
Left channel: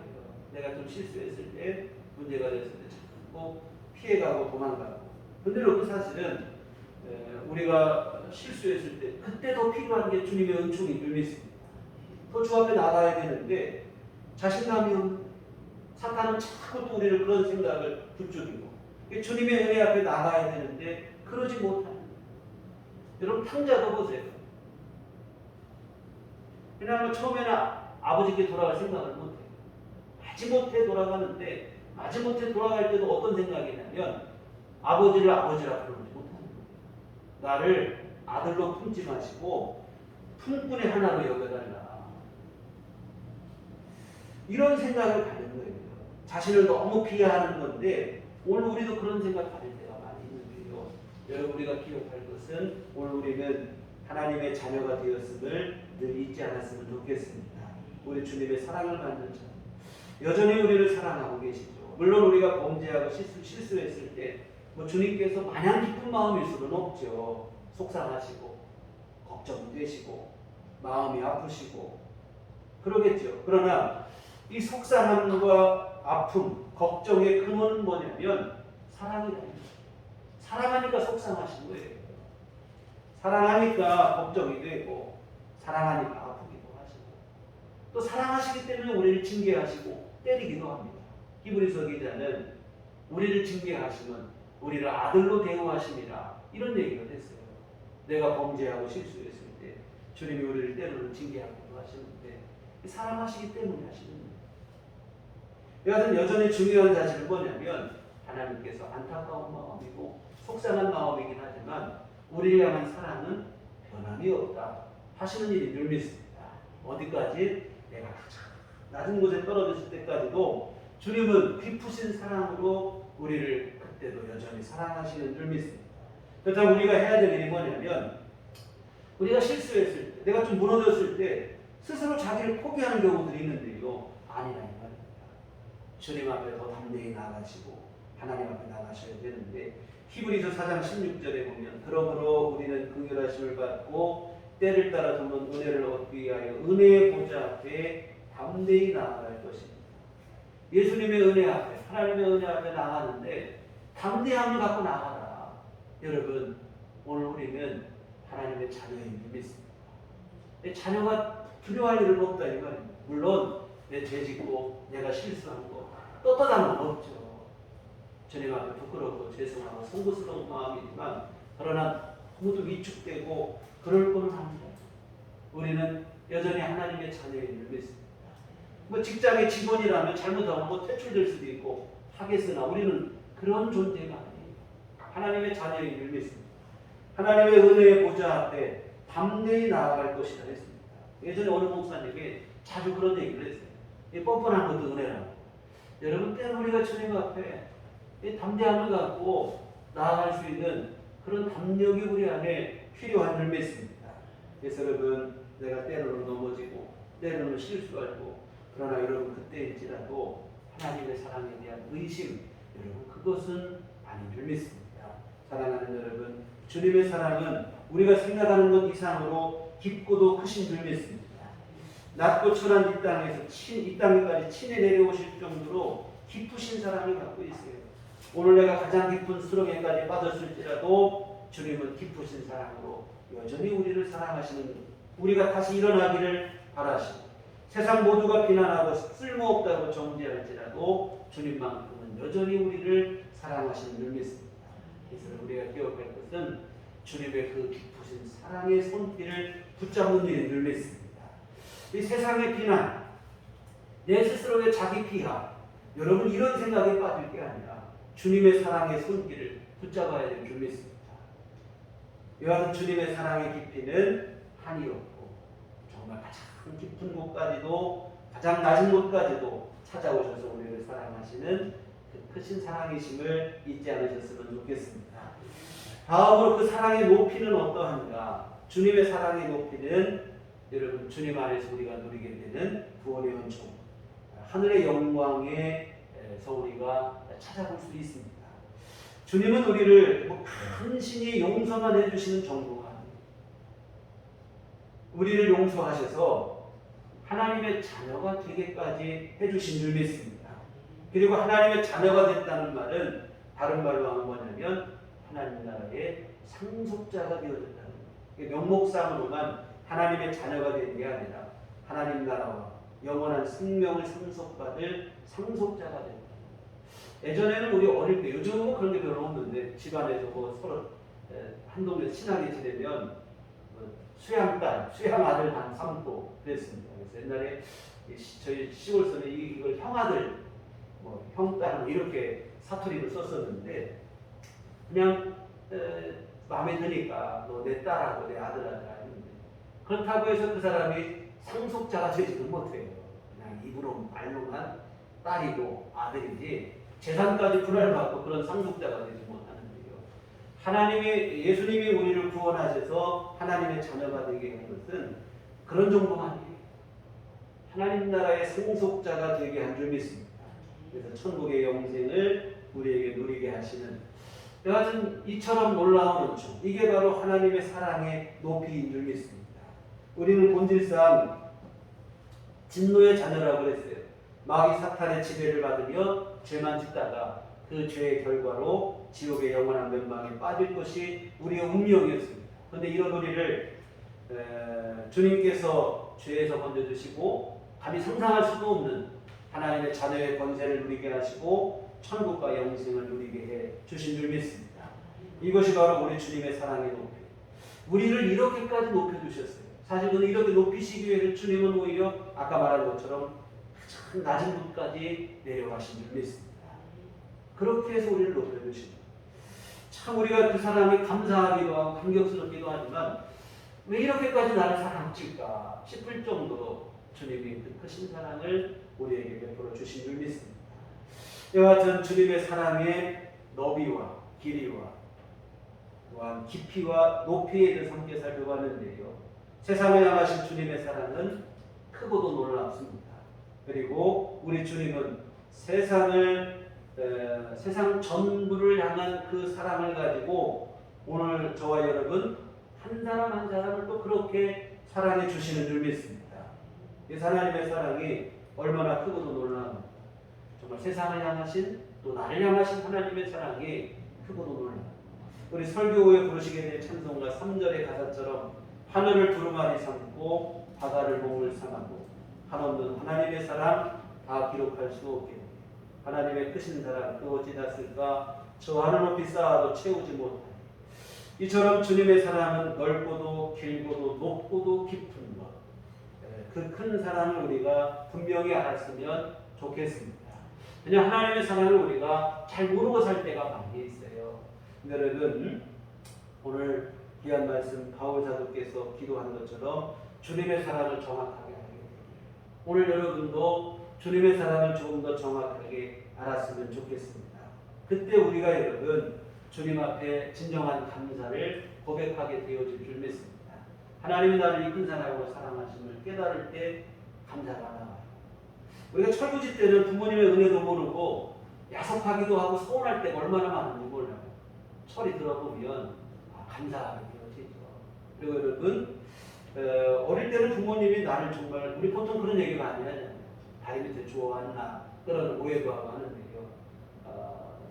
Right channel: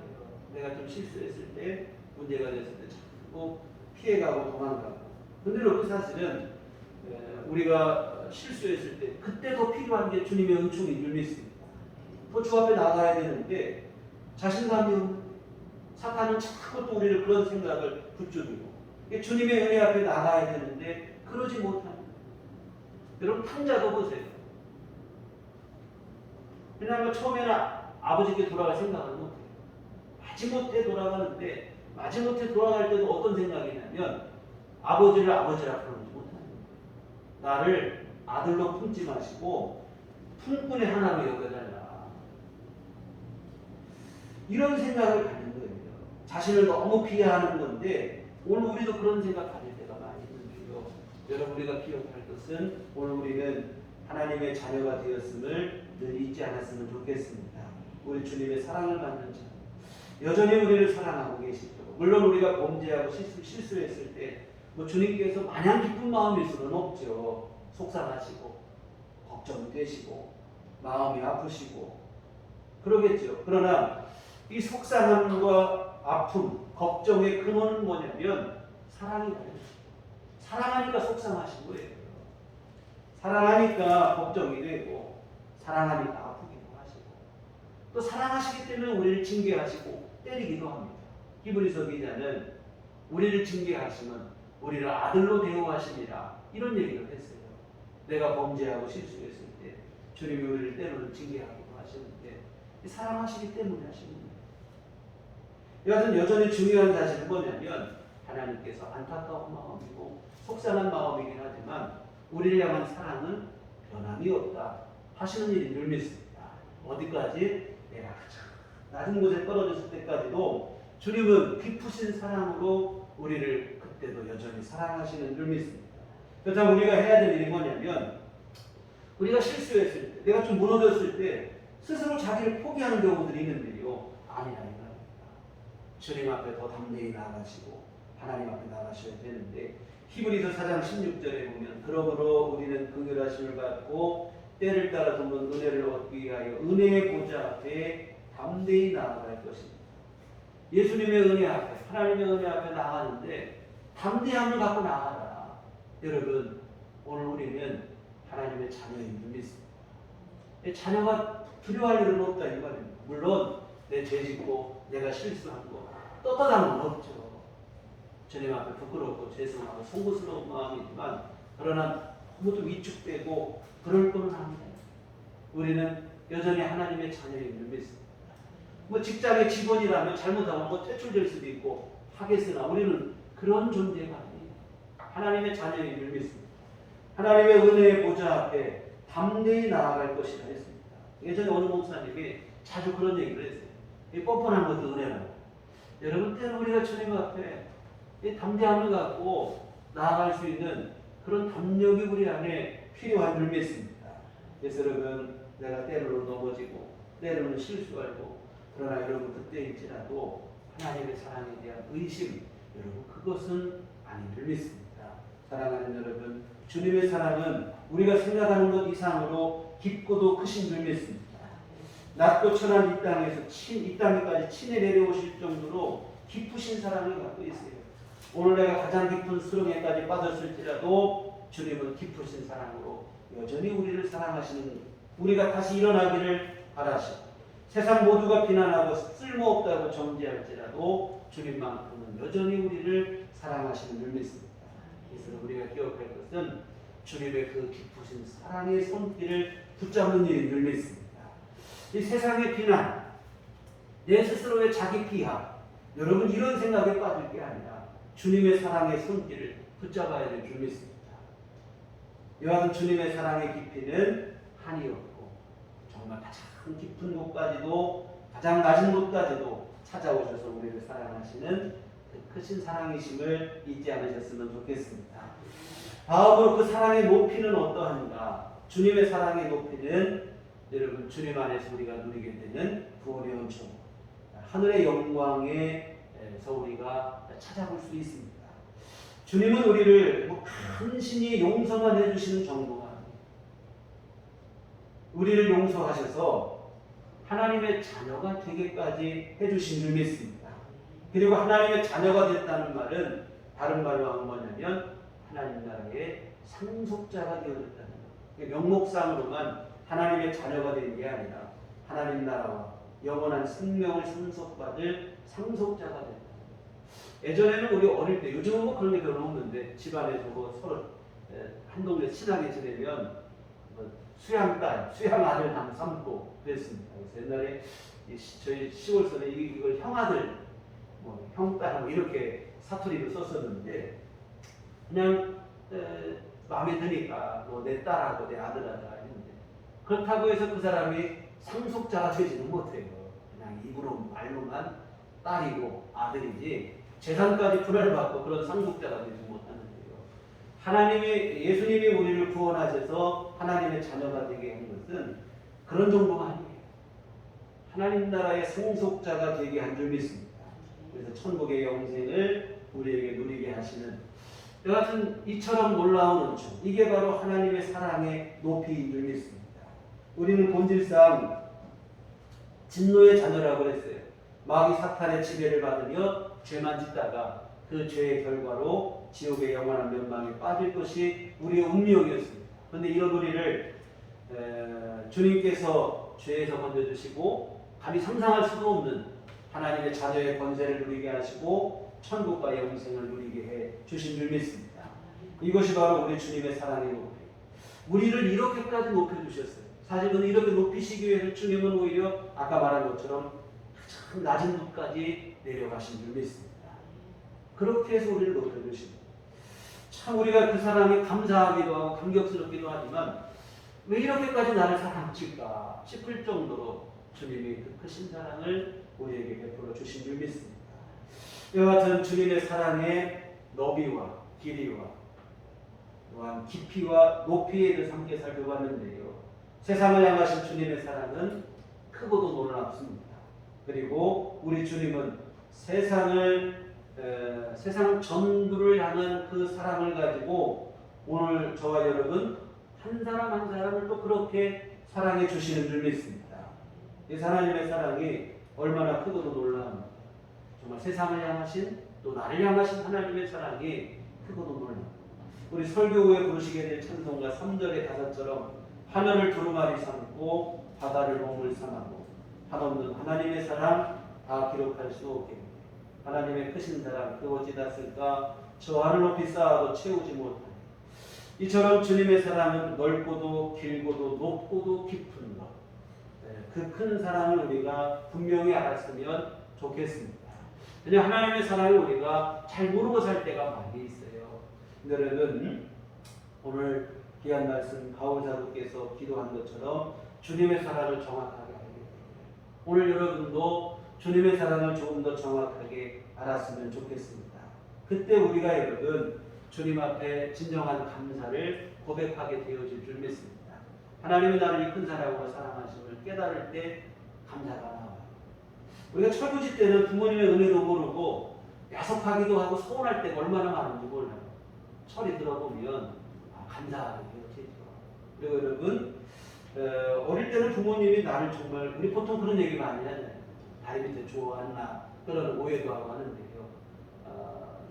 내가 좀 실수했을 때, 문제가 됐을 때 자꾸 피해가고 도망가고. 근데 그 사실은 우리가 실수했을 때 그때도 필요한 게 주님의 은총인 줄 믿습니다. 더 주 앞에 나가야 되는데 자신감이 없는 거예요. 사탄은 자꾸 또 우리를 그런 생각을 부추기고, 주님의 은혜 앞에 나가야 되는데 그러지 못하는 거예요. 여러분, 탕자도 보세요. 그냥 처음에는 아버지께 돌아갈 생각을 못해요. 마지못해 돌아가는데, 마지못해 돌아갈 때도 어떤 생각이냐면 아버지를 아버지라 부르지 못하는 거예요. 나를 아들로 품지 마시고 품꾼의 하나로 여겨달라, 이런 생각을 가는 거예요. 자신을 너무 비하하는 건데, 오늘 우리도 그런 생각 가질 때가 많이 있는데요. 여러분, 우리가 기억할 것은 오늘 우리는 하나님의 자녀가 되었음을 늘 잊지 않았으면 좋겠습니다. 우리 주님의 사랑을 받는 자, 여전히 우리를 사랑하고 계시죠. 물론 우리가 범죄하고 실수했을 때 주님께서 마냥 기쁜 마음일 수는 없죠. 속상하시고 걱정되시고 마음이 아프시고 그러겠죠. 그러나 이 속상함과 아픔, 걱정의 근원은 뭐냐면 사랑이다. 사랑하니까 속상하신 거예요. 사랑하니까 걱정이 되고 사랑하니까 아프기도 하시고 또 사랑하시기 때문에 우리를 징계하시고 때리기도 합니다. 히브리서 기자는 우리를 징계하시면 우리를 아들로 대우하심이라 이런 얘기를 했어요. 내가 범죄하고 실수했을 때 주님이 우리를 때로는 징계하기도 하시는데 사랑하시기 때문에 하시는 거예요. 이것은 여전히 중요한 사실은 뭐냐면 하나님께서 안타까운 마음이고 속상한 마음이긴 하지만 우리를 향한 사랑은 변함이 없다 하시는 일이 늘 믿습니다. 어디까지? 내가 가장 낮은 곳에 떨어졌을 때까지도 주님은 깊으신 사랑으로 우리를 그때도 여전히 사랑하시는 줄 믿습니다. 그렇다면 우리가 해야 될 일이 뭐냐면 우리가 실수했을 때 내가 좀 무너졌을 때 스스로 자기를 포기하는 경우들이 있는데요. 아니라는 말입니다. 주님 앞에 더 담대히 나가시고 하나님 앞에 나가셔야 되는데 히브리서 4장 16절에 보면 그러므로 우리는 긍휼하심을 받고 때를 따라 도는 은혜를 얻기 위하여 은혜의 보좌 앞에 담대히 나아갈 것입니다. 예수님의 은혜 앞에 하나님의 은혜 앞에 나가는데 담대함을 갖고 나가라. 여러분 오늘 우리는 하나님의 자녀인 줄 믿습니다. 자녀가 두려워할 일은 없다 이 말입니다. 물론 내 죄짓고 내가 실수한 거 떳떳한 건 없죠. 주님 앞에 부끄럽고 죄송하고 송구스러운 마음이지만 그러나 너무도 위축되고 그럴 거는 아니에요. 우리는 여전히 하나님의 자녀인 줄 믿습니다. 뭐 직장의 직원이라면 잘못하면 뭐 퇴출될 수도 있고 하겠으나 우리는 그런 존재가 아니에요. 하나님의 자녀인 줄 믿습니다. 하나님의 은혜의 보좌 앞에 담대히 나아갈 것이라 했습니다. 예전에 어느 목사님이 자주 그런 얘기를 했어요. 이 뻔뻔한 것도 은혜라고. 여러분 때로 우리가 주님 앞에 이 담대함을 갖고 나아갈 수 있는 그런 담력이 우리 안에 필요한 줄 믿습니다. 그래서 여러분 내가 때로는 넘어지고 때로는 실수하고 그러나 여러분 그때일지라도 하나님의 사랑에 대한 의심 여러분 그것은 아닌 줄 믿습니다. 사랑하는 여러분 주님의 사랑은 우리가 생각하는 것 이상으로 깊고도 크신 줄 믿습니다. 낮고 천한 이 땅에서 이 땅에까지 친히 내려오실 정도로 깊으신 사랑을 갖고 있어요. 오늘 내가 가장 깊은 수렁에까지 빠졌을지라도 주님은 깊으신 사랑으로 여전히 우리를 사랑하시는 우리가 다시 일어나기를 바라시고 세상 모두가 비난하고 쓸모없다고 정죄할지라도 주님만큼은 여전히 우리를 사랑하시는 줄 믿습니다. 그래서 우리가 기억할 것은 주님의 그 깊으신 사랑의 손길을 붙잡는 일인 줄 믿습니다. 이 세상의 비난, 내 스스로의 자기 피하, 여러분 이런 생각에 빠질 게 아니라 주님의 사랑의 손길을 붙잡아야 될 줄 믿습니다. 이와 같은 주님의 사랑의 깊이는 한이 없고 정말 가장 깊은 곳까지도 가장 낮은 곳까지도 찾아오셔서 우리를 사랑하시는 그 크신 사랑이심을 잊지 않으셨으면 좋겠습니다. 다음으로 그 사랑의 높이는 어떠한가? 주님의 사랑의 높이는 여러분 주님 안에서 우리가 누리게 되는 구원의 은총, 하늘의 영광에서 우리가 찾아볼 수 있습니다. 주님은 우리를 간신히 용서만 해주시는 정도가 아니에요. 우리를 용서하셔서 하나님의 자녀가 되게까지 해주신 줄 믿습니다. 그리고 하나님의 자녀가 됐다는 말은 다른 말로 하면 뭐냐면 하나님 나라의 상속자가 되어졌다는 거예요. 명목상으로만 하나님의 자녀가 된 게 아니라 하나님 나라와 영원한 생명을 상속받을 상속자가 된다. 예전에는 우리 어릴 때, 요즘은 뭐 그런 게 별로 없는데 집안에서 뭐 서로 한 동네 친하게 지내면 뭐 수양딸, 수양아들 당 삼고 그랬습니다. 그래서 옛날에 저희 시골서는 이걸 형아들, 뭐 형딸 뭐 이렇게 사투리를 썼었는데 그냥 마음에 드니까 너 내 딸하고 내 아들하자 했는데 그렇다고 해서 그 사람이 상속자가 되지는 못해요. 그냥 입으로 말로만 딸이고 아들이지 재산까지 분할을 받고 그런 상속자가 되지 못하는데요. 예수님이 우리를 구원하셔서 하나님의 자녀가 되게 한 것은 그런 정도가 아니에요. 하나님 나라의 상속자가 되게 한 줄 믿습니다. 그래서 천국의 영생을 우리에게 누리게 하시는 여하튼 이처럼 놀라운 은총, 이게 바로 하나님의 사랑의 높이인 줄 믿습니다. 우리는 본질상 진노의 자녀라고 그랬어요. 마귀 사탄의 지배를 받으며 죄만 짓다가 그 죄의 결과로 지옥의 영원한 멸망에 빠질 것이 우리의 운명이었습니다. 그런데 이런 우리를 주님께서 죄에서 건져주시고 감히 상상할 수도 없는 하나님의 자녀의 권세를 누리게 하시고 천국과 영생을 누리게 해 주신 줄 믿습니다. 이것이 바로 우리 주님의 사랑의 높이. 우리를 이렇게까지 높여주셨어요. 사실 그는 이렇게 높이시기 위해 주님은 오히려 아까 말한 것처럼 참 낮은 곳까지 내려가신 줄 믿습니다. 그렇게 해서 우리를 높여주십니다. 참 우리가 그 사랑에 감사하기도 하고 감격스럽기도 하지만 왜 이렇게까지 나를 사랑하실까 싶을 정도로 주님이 그 크신 사랑을 우리에게 베풀어 주신 줄 믿습니다. 이와 같은 주님의 사랑의 너비와 길이와 또한 깊이와 높이에 대해서 함께 살펴봤는데요. 세상을 향하신 주님의 사랑은 크고도 놀랍습니다. 그리고 우리 주님은 세상 전부를 향한 그 사랑을 가지고 오늘 저와 여러분 한 사람 한 사람을 또 그렇게 사랑해 주시는 줄 믿습니다. 이 하나님의 사랑이 얼마나 크고도 놀라운가. 정말 세상을 향하신 또 나를 향하신 하나님의 사랑이 크고도 놀랍니다. 우리 설교 후에 부르시게 될 찬송가 3절의 가사처럼 하늘을 두루마리 삼고 바다를 먹물 삼하고 한없는 하나님의 사랑 다 기록할 수 없겠네. 하나님의 크신 사랑 그 어찌 닿을까 저 하늘 높이 쌓아도 채우지 못하네. 이처럼 주님의 사랑은 넓고도 길고도 높고도 깊은 것. 그 큰 사랑을 우리가 분명히 알았으면 좋겠습니다. 그냥 하나님의 사랑을 우리가 잘 모르고 살 때가 많이 있어요. 여러분 오늘 귀한 말씀 바울 사도께서 기도한 것처럼 주님의 사랑을 정확하게 알게 됩니다. 오늘 여러분도 주님의 사랑을 조금 더 정확하게 알았으면 좋겠습니다. 그때 우리가 여러분 주님 앞에 진정한 감사를 고백하게 되어질 줄 믿습니다. 하나님이 나를 이 큰 사랑으로 사랑하심을 깨달을 때 감사가 나와요. 우리가 철부지 때는 부모님의 은혜도 모르고 야속하기도 하고 서운할 때가 얼마나 많은지 몰라요. 철이 들어보면 감사하게 되어지죠. 그리고 여러분 어릴 때는 부모님이 나를 정말 우리 보통 그런 얘기 많이 하잖아요. 다리 밑에 좋아하나 그런 오해도 하고 하는데요.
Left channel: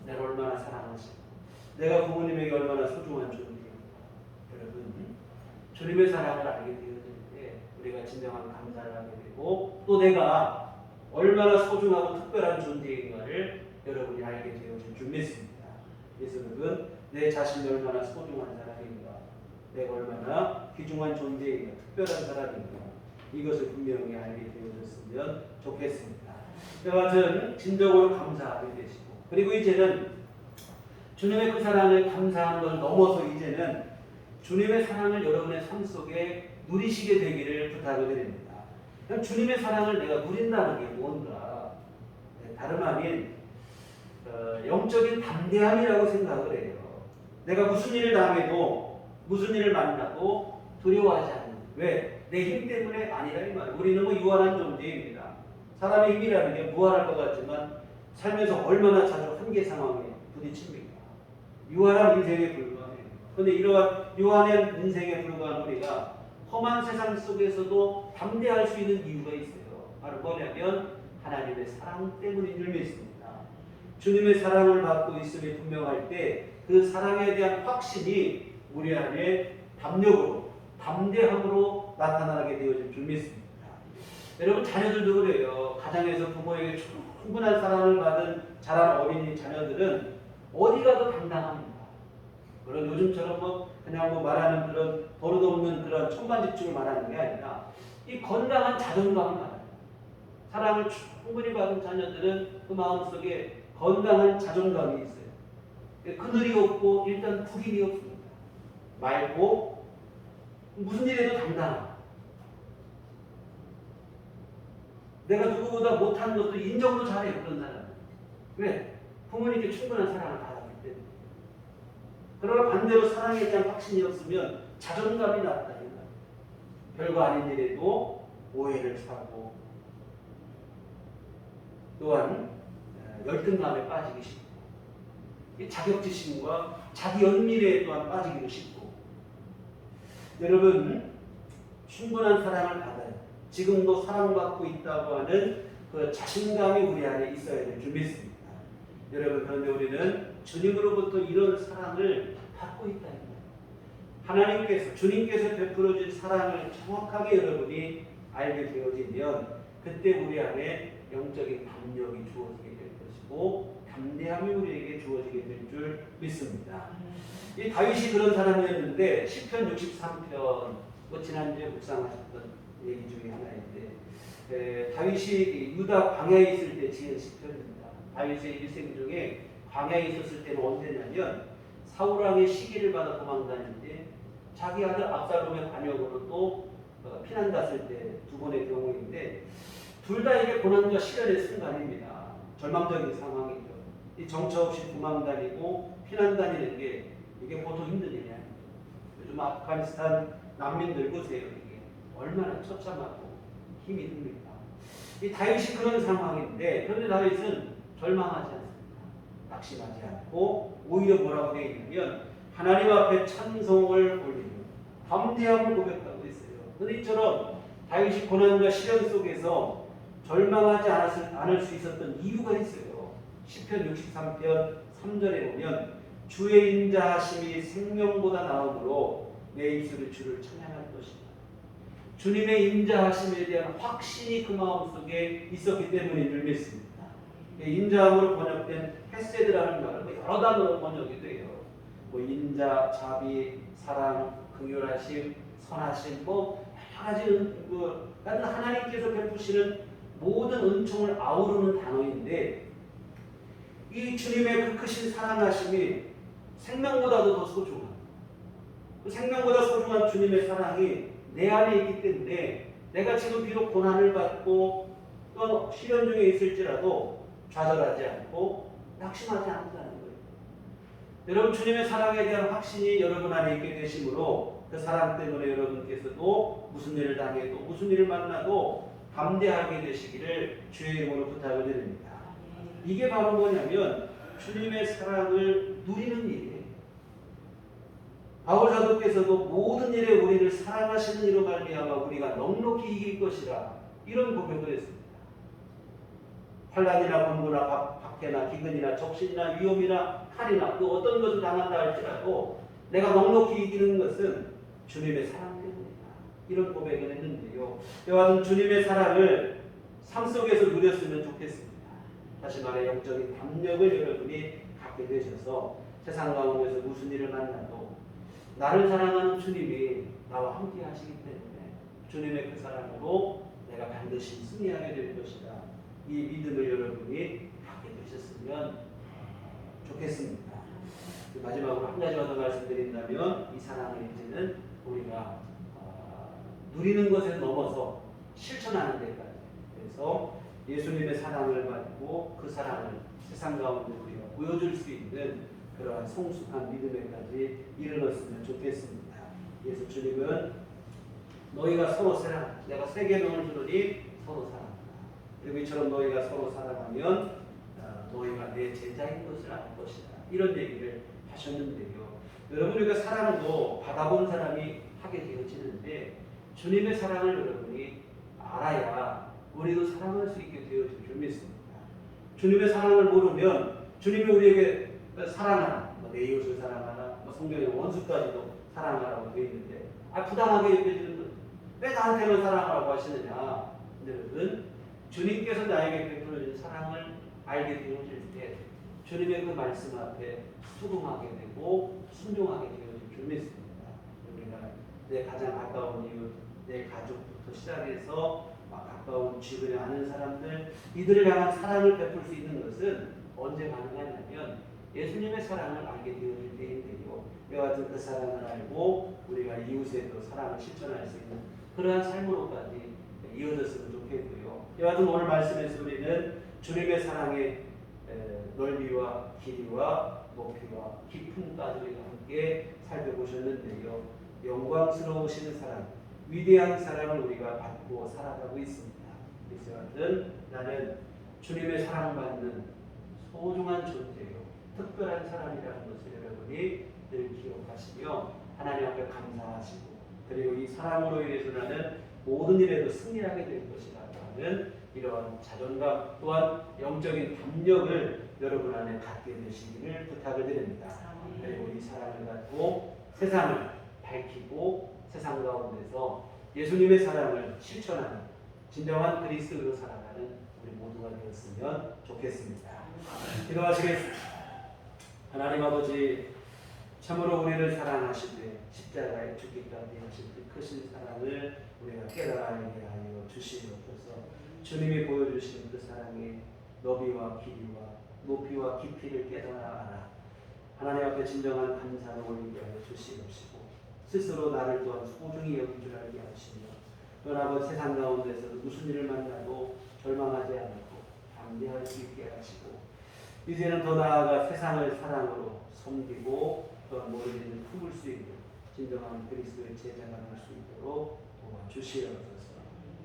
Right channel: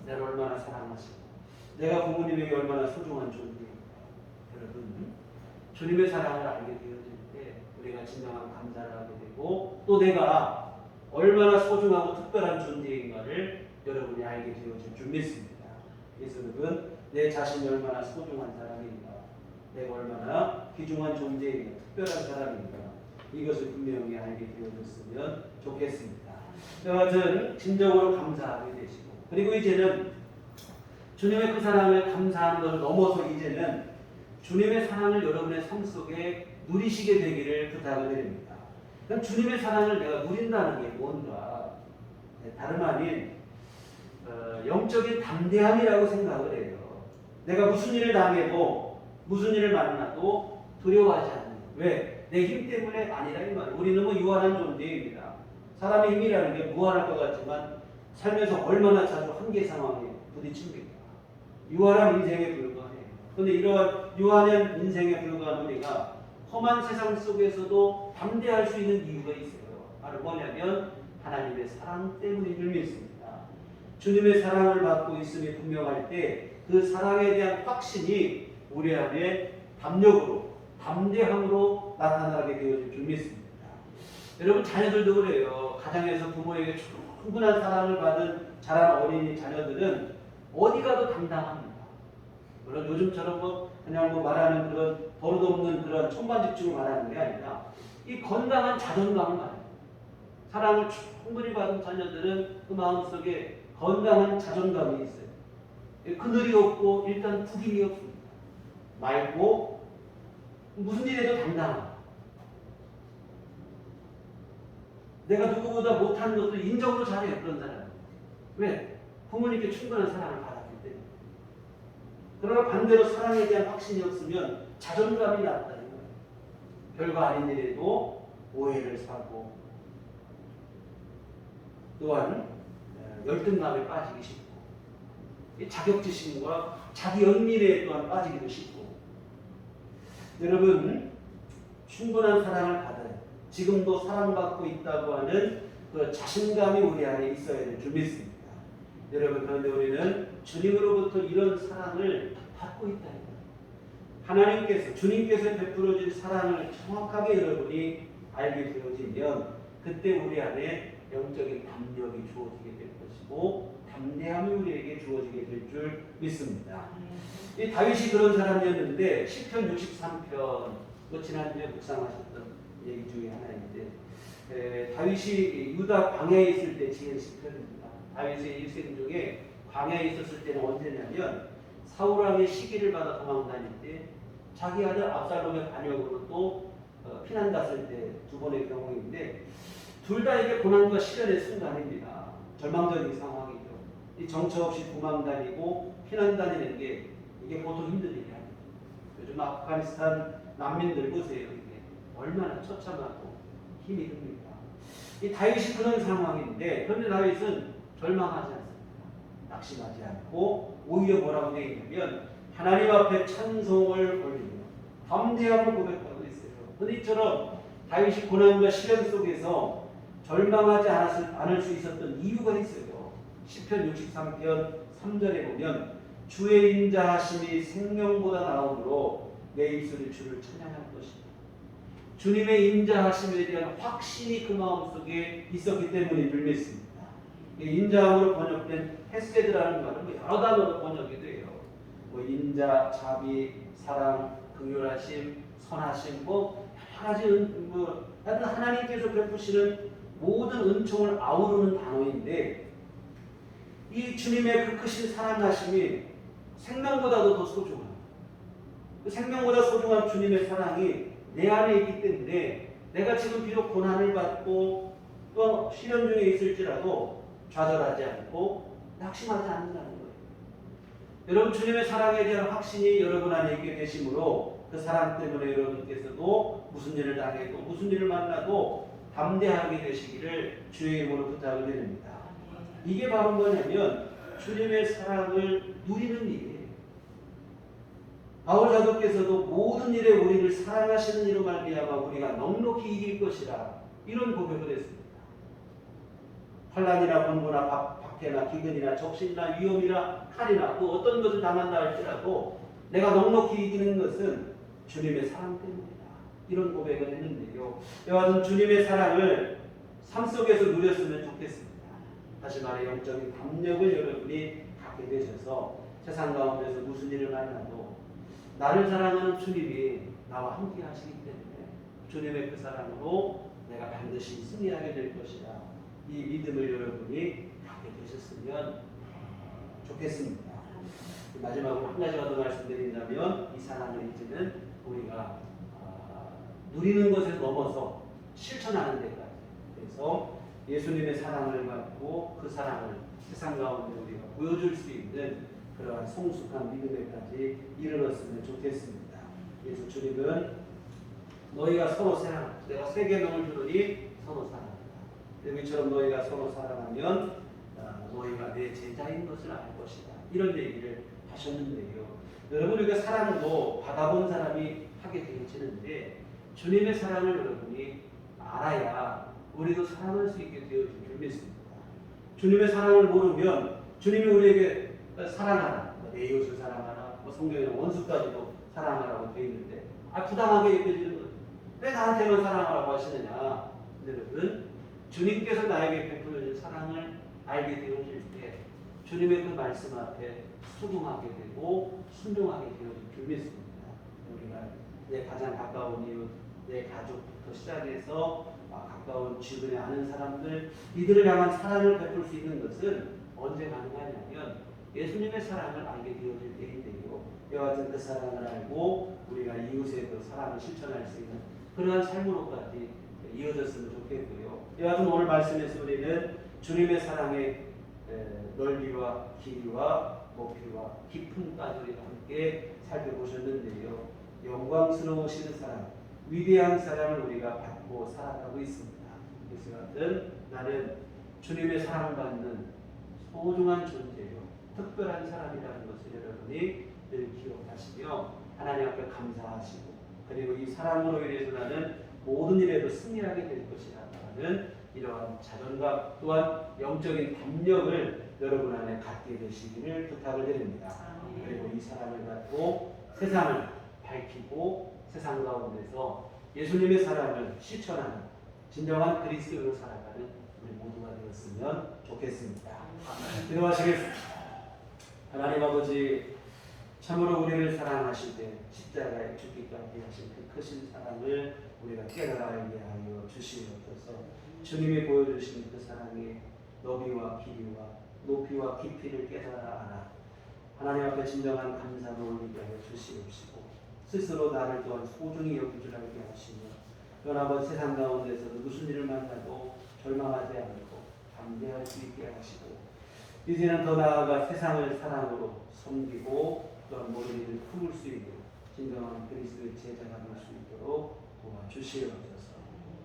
내가 얼마나 사랑하시고 내가 부모님에게 얼마나 소중한 존재입니다. 여러분 주님의 사랑을 알게 되어질 때 우리가 진정한 감사를 하게 되고 또 내가 얼마나 소중하고 특별한 존재인가를 여러분이 알게 되어질 줄 믿습니다. 그래서 여러분 내 자신이 얼마나 소중한 사람인가 내가 얼마나 귀중한 존재인가 특별한 사람인가 이것을 분명히 알게 되어졌으면 좋겠습니다. 여하튼 진정으로 감사하게 되시고 그리고 이제는 주님의 그 사랑을 감사한 걸 넘어서 이제는 주님의 사랑을 여러분의 삶 속에 누리시게 되기를 부탁을 드립니다. 그럼 주님의 사랑을 내가 누린다는 게 뭔가 다름 아닌 영적인 담대함이라고 생각을 해요. 내가 무슨 일을 당해도 무슨 일을 만나도 두려워하지 않는 왜? 내 힘 때문에 아니라 이 말이에요. 우리는 뭐 유한한 존재입니다. 사람의 힘이라는 게 무한할 것 같지만 살면서 얼마나 자주 한계 상황에 부딪힙니까? 유한한 인생에 불과해요. 그런데 이러한 유한한 인생에 불과한 우리가 험한 세상 속에서도 담대할 수 있는 이유가 있어요. 바로 뭐냐면 하나님의 사랑 때문인 줄 믿습니다. 주님의 사랑을 받고 있음이 분명할 때 그 사랑에 대한 확신이 우리 안에 담력으로 담대함으로 나타나게 되어질 줄 믿습니다. 여러분 자녀들도 그래요. 가정에서 부모에게 충분한 사랑을 받은 자란 어린이 자녀들은 어디 가도 당당합니다. 물론 요즘처럼 그냥 말하는 그런 버릇없는 그런 천반집중을 말하는 게 아니라 이 건강한 자존감을 말합니다. 사랑을 충분히 받은 자녀들은 그 마음속에 건강한 자존감이 있어요. 그늘이 없고 일단 구김이 없습니다. 맑고 무슨 일에도 당당하고 내가 누구보다 못하는 것도 인정도 잘해요. 그런 사람은. 왜? 부모님께 충분한 사랑을 받았기 때문에. 그러나 반대로 사랑에 대한 확신이 없으면 자존감이 낮다. 별거 아닌 일에도 오해를 사고 또한 열등감에 빠지기 쉽고 자격지심과 자기 연민에 또한 빠지기도 쉽고 여러분 충분한 사랑을 받아요. 지금도 사랑받고 있다고 하는 그 자신감이 우리 안에 있어야 될 줄 믿습니다. 여러분, 그런데 우리는 주님으로부터 이런 사랑을 받고 있다. 하나님께서, 주님께서 베풀어진 사랑을 정확하게 여러분이 알게 되어지면 그때 우리 안에 영적인 담력이 주어지게 될 것이고 담대함이 우리에게 주어지게 될 줄 믿습니다. 이 다윗이 그런 사람이었는데 시편 63편, 지난주에 묵상하셨던 얘기 중에 하나인데 다윗이 유다 광야에 있을 때 지은 시편입니다. 다윗의 일생 중에 광야에 있었을 때는 언제냐면 사울 왕의 시기를 받아 도망 다닐 때 자기 아들 압살롬의 관역으로 또 피난 갔을 때 두 번의 경우인데 둘 다 이게 고난과 시련의 순간입니다. 절망적인 상황이죠. 이 정처 없이 도망 다니고 피난 다니는 게 이게 보통 힘든 일이 아니죠. 요즘 아프가니스탄 난민들 보세요. 이게 얼마나 처참하고 힘이 듭니까? 이 다윗이 그런 상황인데 그런데 다윗은 절망하지 않습니다. 낙심하지 않고 오히려 뭐라고 되어 있냐면 하나님 앞에 찬송을 올리고 담대함을 고백하고 있어요. 그런데 이처럼 다윗이 고난과 시련 속에서 절망하지 않을 수 있었던 이유가 있어요. 시편 63편 3절에 보면 주의 인자하심이 생명보다 나음으로 내 입술이 주를 찬양할 것이다. 주님의 인자하심에 대한 확신이 그 마음속에 있었기 때문인 줄 믿습니다. 인자함으로 번역된 헤세드라는 말은 여러 단어로 번역이 돼요. 인자, 자비, 사랑, 긍휼하심, 선하심, 여러 가지 하나님께서 베푸시는 모든 은총을 아우르는 단어인데 이 주님의 그 크신 사랑하심이 생명보다도 더 소중한 그 생명보다 소중한 주님의 사랑이 내 안에 있기 때문에 내가 지금 비록 고난을 받고 또한 시련 중에 있을지라도 좌절하지 않고 낙심하지 않는다는 거예요. 여러분, 주님의 사랑에 대한 확신이 여러분 안에 있게 되심으로 그 사랑 때문에 여러분께서도 무슨 일을 당해도 무슨 일을 만나도 담대하게 되시기를 주의 이름으로 부탁을 드립니다. 이게 바로 뭐냐면 주님의 사랑을 누리는 일이에요. 바울 사도께서도 모든 일에 우리를 사랑하시는 이로 말미암아 우리가 넉넉히 이길 것이라 이런 고백을 했습니다. 환난이나 번고나 박해나 기근이나 적신이나 위험이나 칼이나 또 어떤 것을 당한다 할지라도 내가 넉넉히 이기는 것은 주님의 사랑 때문이다. 이런 고백을 했는데요. 이와 같은 주님의 사랑을 삶 속에서 누렸으면 좋겠습니다. 다시 말해 영적인 담력을 여러분이 갖게 되셔서 세상 가운데서 무슨 일을 만나도 나를 사랑하는 주님이 나와 함께 하시기 때문에 주님의 그 사랑으로 내가 반드시 승리하게 될 것이다. 이 믿음을 여러분이 갖게 되셨으면 좋겠습니다. 마지막으로 한 가지만 더 말씀드린다면 이 사랑을 이제는 우리가 누리는 것에 넘어서 실천하는 데까지 그래서 예수님의 사랑을 받고 그 사랑을 세상 가운데 우리가 보여줄 수 있는 그러한 성숙한 믿음에까지 이르렀으면 좋겠습니다. 그래서 주님은 너희가 서로 사랑하라. 내가 새 계명을 주노니 서로 사랑하라. 그리고 이처럼 너희가 서로 사랑하면 너희가 내 제자인 것을 알 것이다. 이런 얘기를 하셨는데요. 여러분, 우리가 사랑도 받아본 사람이 하게 되어지는데 주님의 사랑을 여러분이 알아야 우리도 사랑할 수 있게 되어질 줄 믿습니다. 주님의 사랑을 모르면 주님이 우리에게 사랑하라, 내 이웃을 사랑하라, 성경에 원수까지도 사랑하라고 되어 있는데 부당하게 여겨지는 거예요. 왜 나한테만 사랑하라고 하시느냐? 여러분, 주님께서 나에게 베풀어진 사랑을 알게 되어질 때 주님의 그 말씀 앞에 수긍하게 되고 순종하게 되어질 줄 믿습니다. 우리가 내 가장 가까운 이웃, 내 가족부터 시작해서 가까운 주변에 아는 사람들 이들을 향한 사랑을 베풀 수 있는 것은 언제 가능하냐면 예수님의 사랑을 알게 되어질 때인데요. 이와 같은 그 사랑을 알고 우리가 이웃의 그 사랑을 실천할 수 있는 그러한 삶으로까지 이어졌으면 좋겠고요. 이와 같은 오늘 말씀에서 우리는 주님의 사랑의 넓이와 길이와 높이와 깊음까지 우리가 함께 살펴보셨는데요. 영광스러우신 사랑, 위대한 사랑을 우리가 받고 살아가고 있습니다. 그래서 여하튼 나는 주님의 사랑받는 소중한 존재요, 특별한 사람이라는 것을 여러분이 늘 기억하시며 하나님 앞에 감사하시고 그리고 이 사랑으로 인해서 나는 모든 일에도 승리하게 될 것이라고 하는 이러한 자존감 또한 영적인 담력을 여러분 안에 갖게 되시기를 부탁을 드립니다. 그리고 이 사랑을 갖고 세상을 밝히고 세상 가운데서 예수님의 사랑을 실천하는 진정한 그리스도로 살아가는 우리 모두가 되었으면 좋겠습니다. 기도하시겠습니다. 하나님 아버지, 참으로 우리를 사랑하실 때 십자가에 죽기까지 하신 그 크신 사랑을 우리가 깨달아야 하여 주시옵소서. 주님이 보여주신 그 사랑의 너비와 길이와 높이와 깊이를 깨달아 알아 하나님 앞에 진정한 감사를 올리게 하여 주시옵시고, 스스로 나를 또한 소중히 여긴 줄 알게 하시며, 여러분 세상 가운데서도 무슨 일을 만나도 절망하지 않고 담대할 수 있게 하시고, 이제는 더 나아가 세상을 사랑으로 섬기고 또한 모든 일을 품을 수 있는 진정한 그리스도의 제자가 될 수 있도록 도와주시옵소서.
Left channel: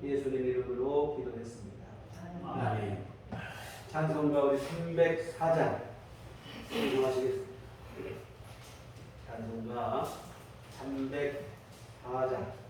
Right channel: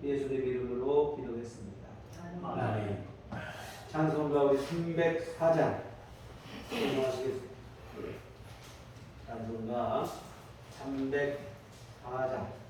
예수님 이름으로 기도했습니다. 아멘. 찬송가 우리 304장 인정하시겠습니다. 찬송가 304장.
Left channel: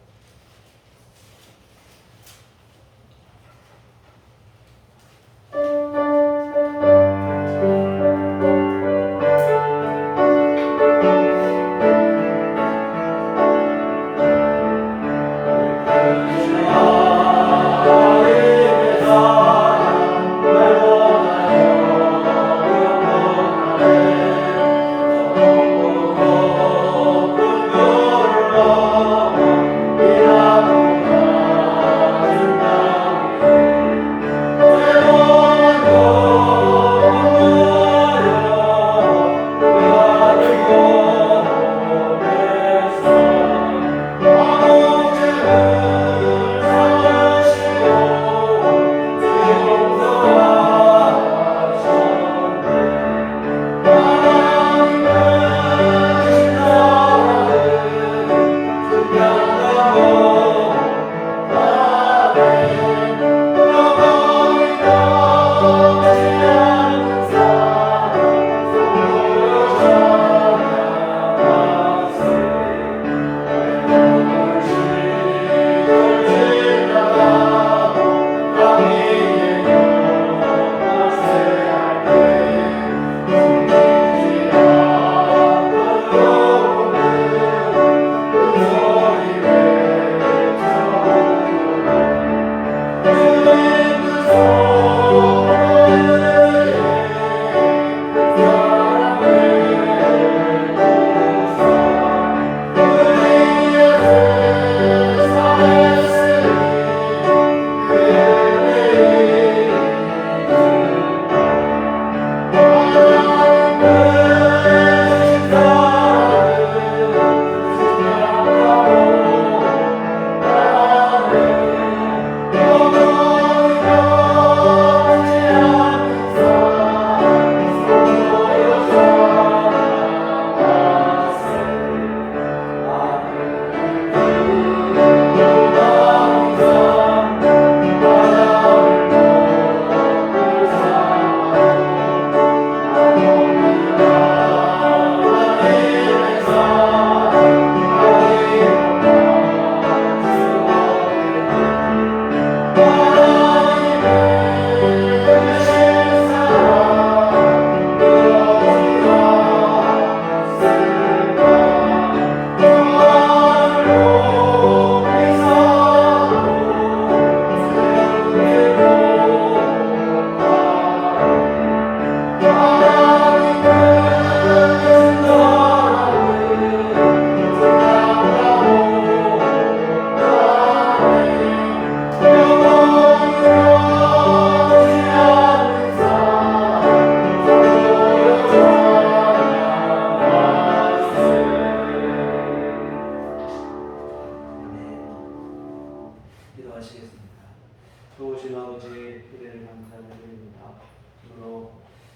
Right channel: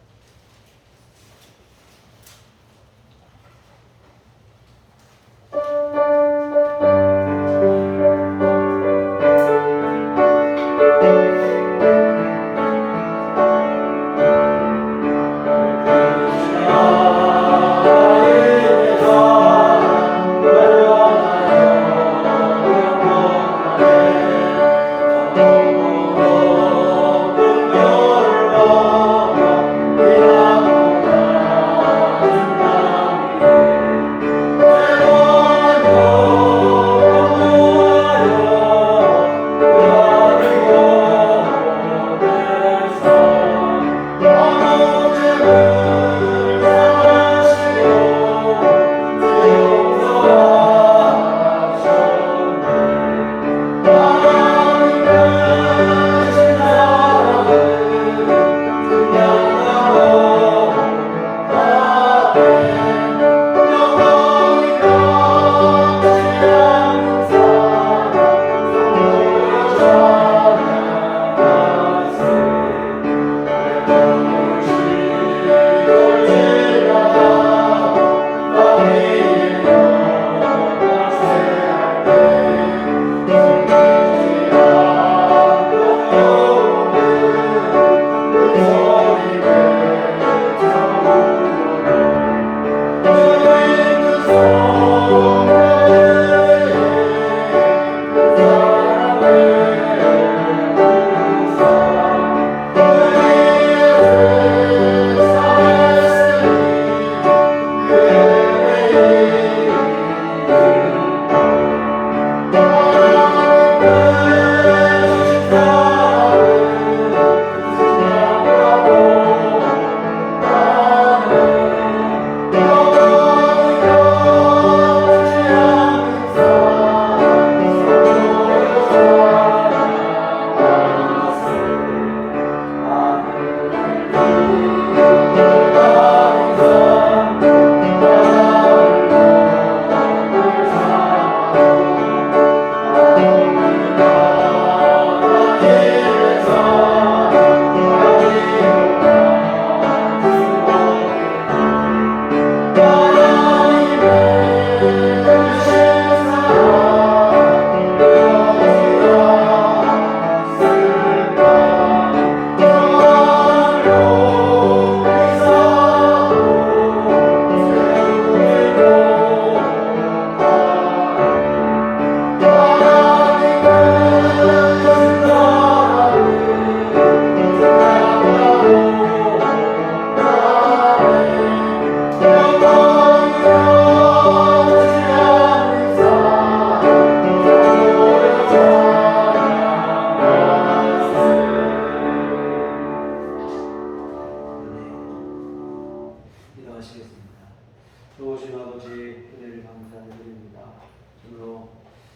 좋으신 아버지 은혜를 감사드립니다. 주로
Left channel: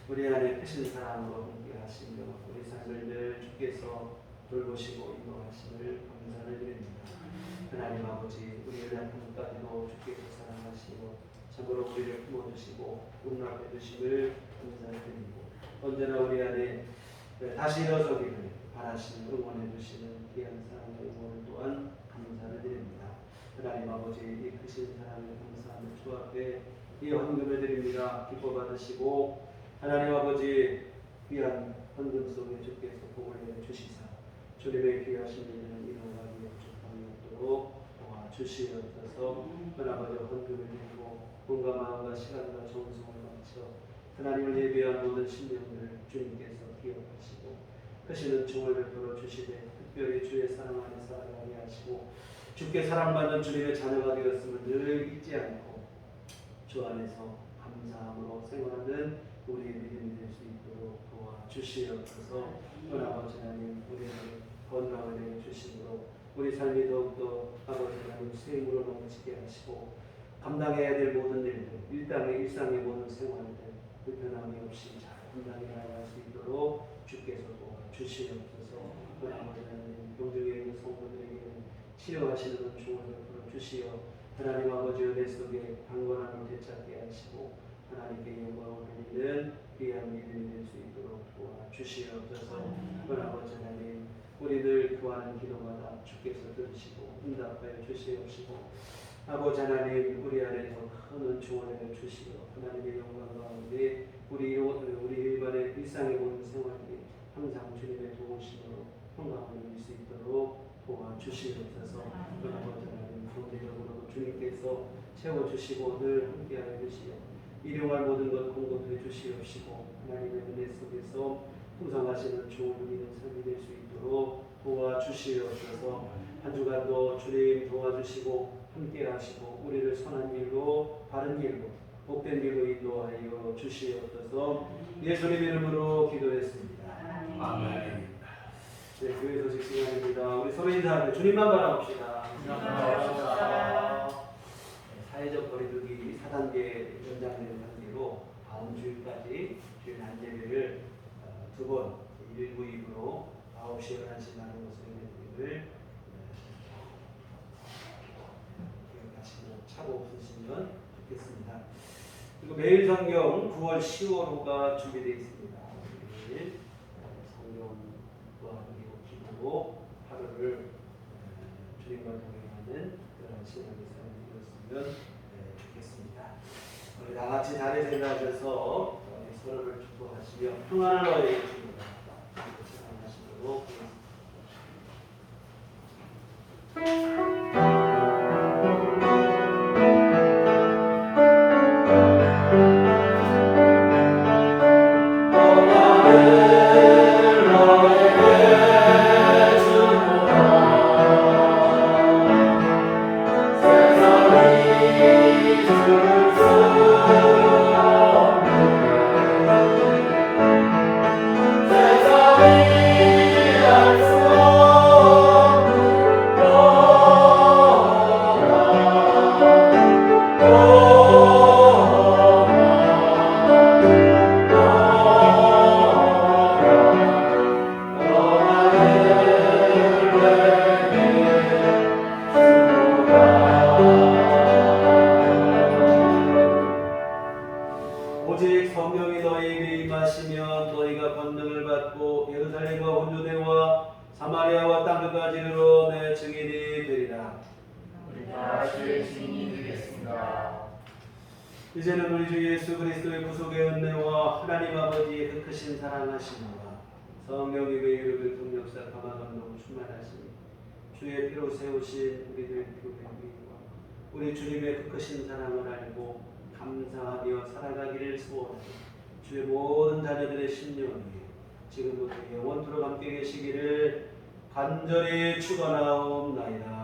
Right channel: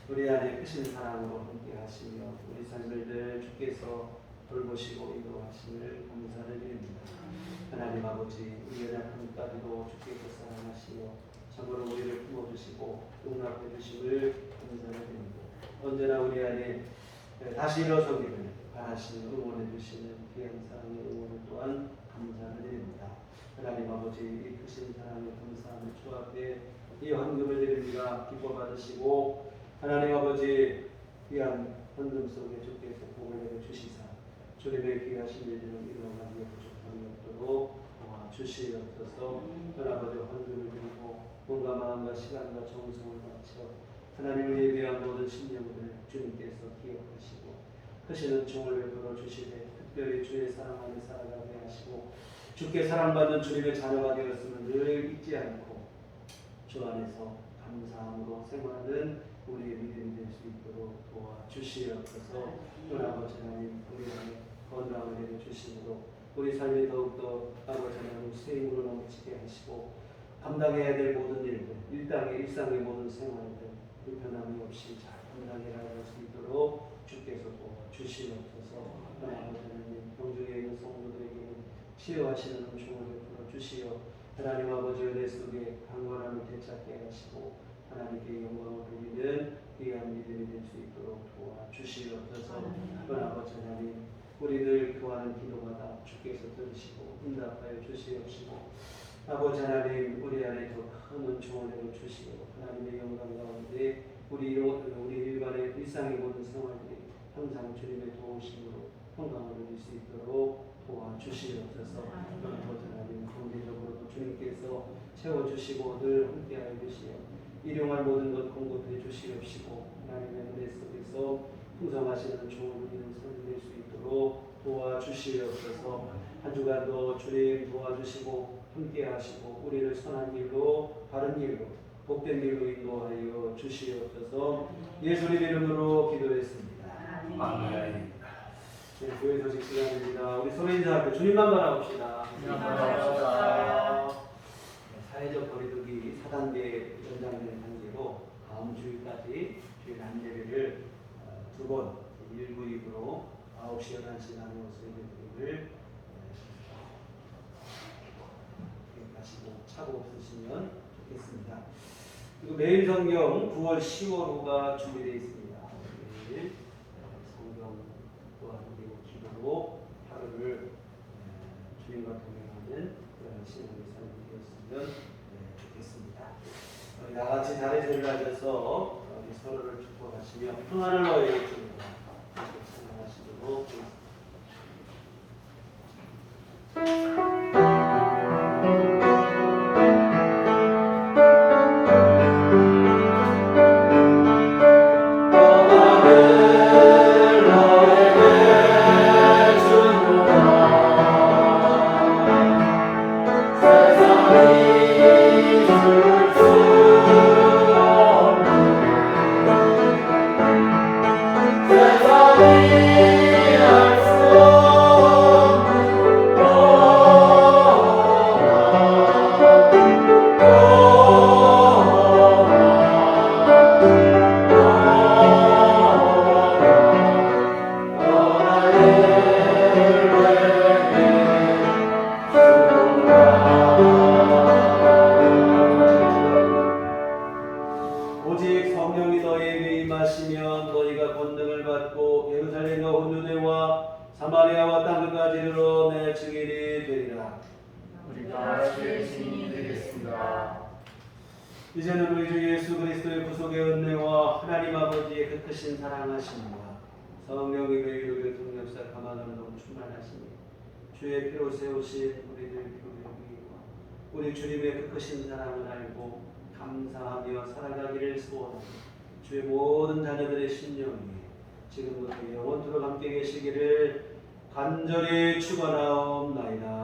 우리 안에 크신 사랑으로 함께 하시며 우리 삶을 늘 주께서 돌보시고 인도하심을 감사를 드립니다. 하나님 아버지, 우리의 연약함까지도 주께서 사랑하시고 참으로 우리를 품어주시고 용납해 주심을 감사를 드리고, 언제나 우리 안에 다시 일어서기를 바라시며 응원해 주시는 귀한 사랑의 응원을 또한 감사를 드립니다. 하나님 아버지, 이 헌금을 드립니다. 기뻐 받으시고 하나님 아버지 귀한 헌금 속에 주께서 복을 내려 주시사 주님의 귀하신 일들을 이루어가기 축복이 없도록 도와주시옵소서. 하나님 헌금을 드리고 몸과 마음과 시간과 정성을 바쳐 하나님을 예배한 모든 심령들을 주님께서 기억하시고 크시는 종을 베풀어 주시되 특별히 주의 사랑 안에 살아가게 하시고 주께 사랑받는 주님의 자녀가 되었음을 늘 잊지 않고 주 안에서 감사함으로 생활하는 우리의 믿음이 될 수 있도록 도와주시옵소서. 아버지 하나님 우리 안에 건강을 내려 주심으로 우리 삶이 더욱더 아버지 하나님 쇠임으로 넘치게 하시고 감당해야 될 모든 일들 일상의 모든 생활들 불편함이 없이 잘 감당해 나갈 수 있도록 주께서 도와주시옵소서. 아버지 하나님 병중에 있는 성도들에게는 치료하시는 은총을 베풀어 주시어 하나님 아버지 은혜 속에 강건함을 되찾게 하시고 하나님께 영광을 돌리는 귀한 믿음이 될 수 있도록 도와주시옵소서. 아버지 하나님 우리 늘 구하는 기도마다 주께서 들으시고 응답하여 주시옵시고 아버지 하나님 우리 안에 더 큰 은총을 내려 주시어 하나님의 영광 가운데 우리 일반의 일상의 모든 생활들이 항상 주님의 도우심으로 건강을 누릴 수 있도록 도와주시옵소서. 아버지 하나님 경제적으로 주님께서 채워주시고 늘 함께하여 주시어 일용할 모든 것 공급해 주시옵시고 하나님의 은혜 속에서 풍성하시는 종을 누리는 삶이 될 수 있도록 도와주시옵소서. 한 주간도 주님 도와주시고 함께하시고 우리를 선한 길로 바른 길로 복된 길로 인도하여 주시옵소서. 예수님 이름으로 기도했습니다. 아멘. 네, 교회 소식 시간입니다. 우리 서로 인사할 때 주님만 바라봅시다. 사회적 거리두기 4단계 연장된 단계로 다음 주일까지 주일 안예배를 2번 1부 2부로 9시 11시 나누어서 예배드림을 기억하시고 착오 없으시면 좋겠습니다. 그리고 매일 성경 9월 10월호가 준비되어 있습니다. 매일 성경 그리고 기도로 하루를 주님과 동행하는 그런 신앙의 삶이 되었으면 좋겠습니다. 다 같이 자리에 일어나셔서 서로를 축복하시며 평안을 너에게 주노라 찬양하시도록 하겠습니다. 오직 성령이 너희에게 임하시면 너희가 권능을 받고 예루살렘과 온유대와 사마리아와 땅끝까지 이르러 내 증인이 되리라. 우리가 주의 증인이 되겠습니다. 이제는 우리 주 예수 그리스도의 구속의 은혜와 하나님 아버지의 그 크신 사랑하심과 성령의 매일의 동력사 감화감동 충만하시니 주의 피로 세우신 우리들 피로회개와 우리 주님의 그 크신 사랑을 알고 감사하며 살아가기를 소원하니 주의 모든 자녀들의 심령이 지금부터 영원토록 함께 계시기를 간절히 축원하옵나이다.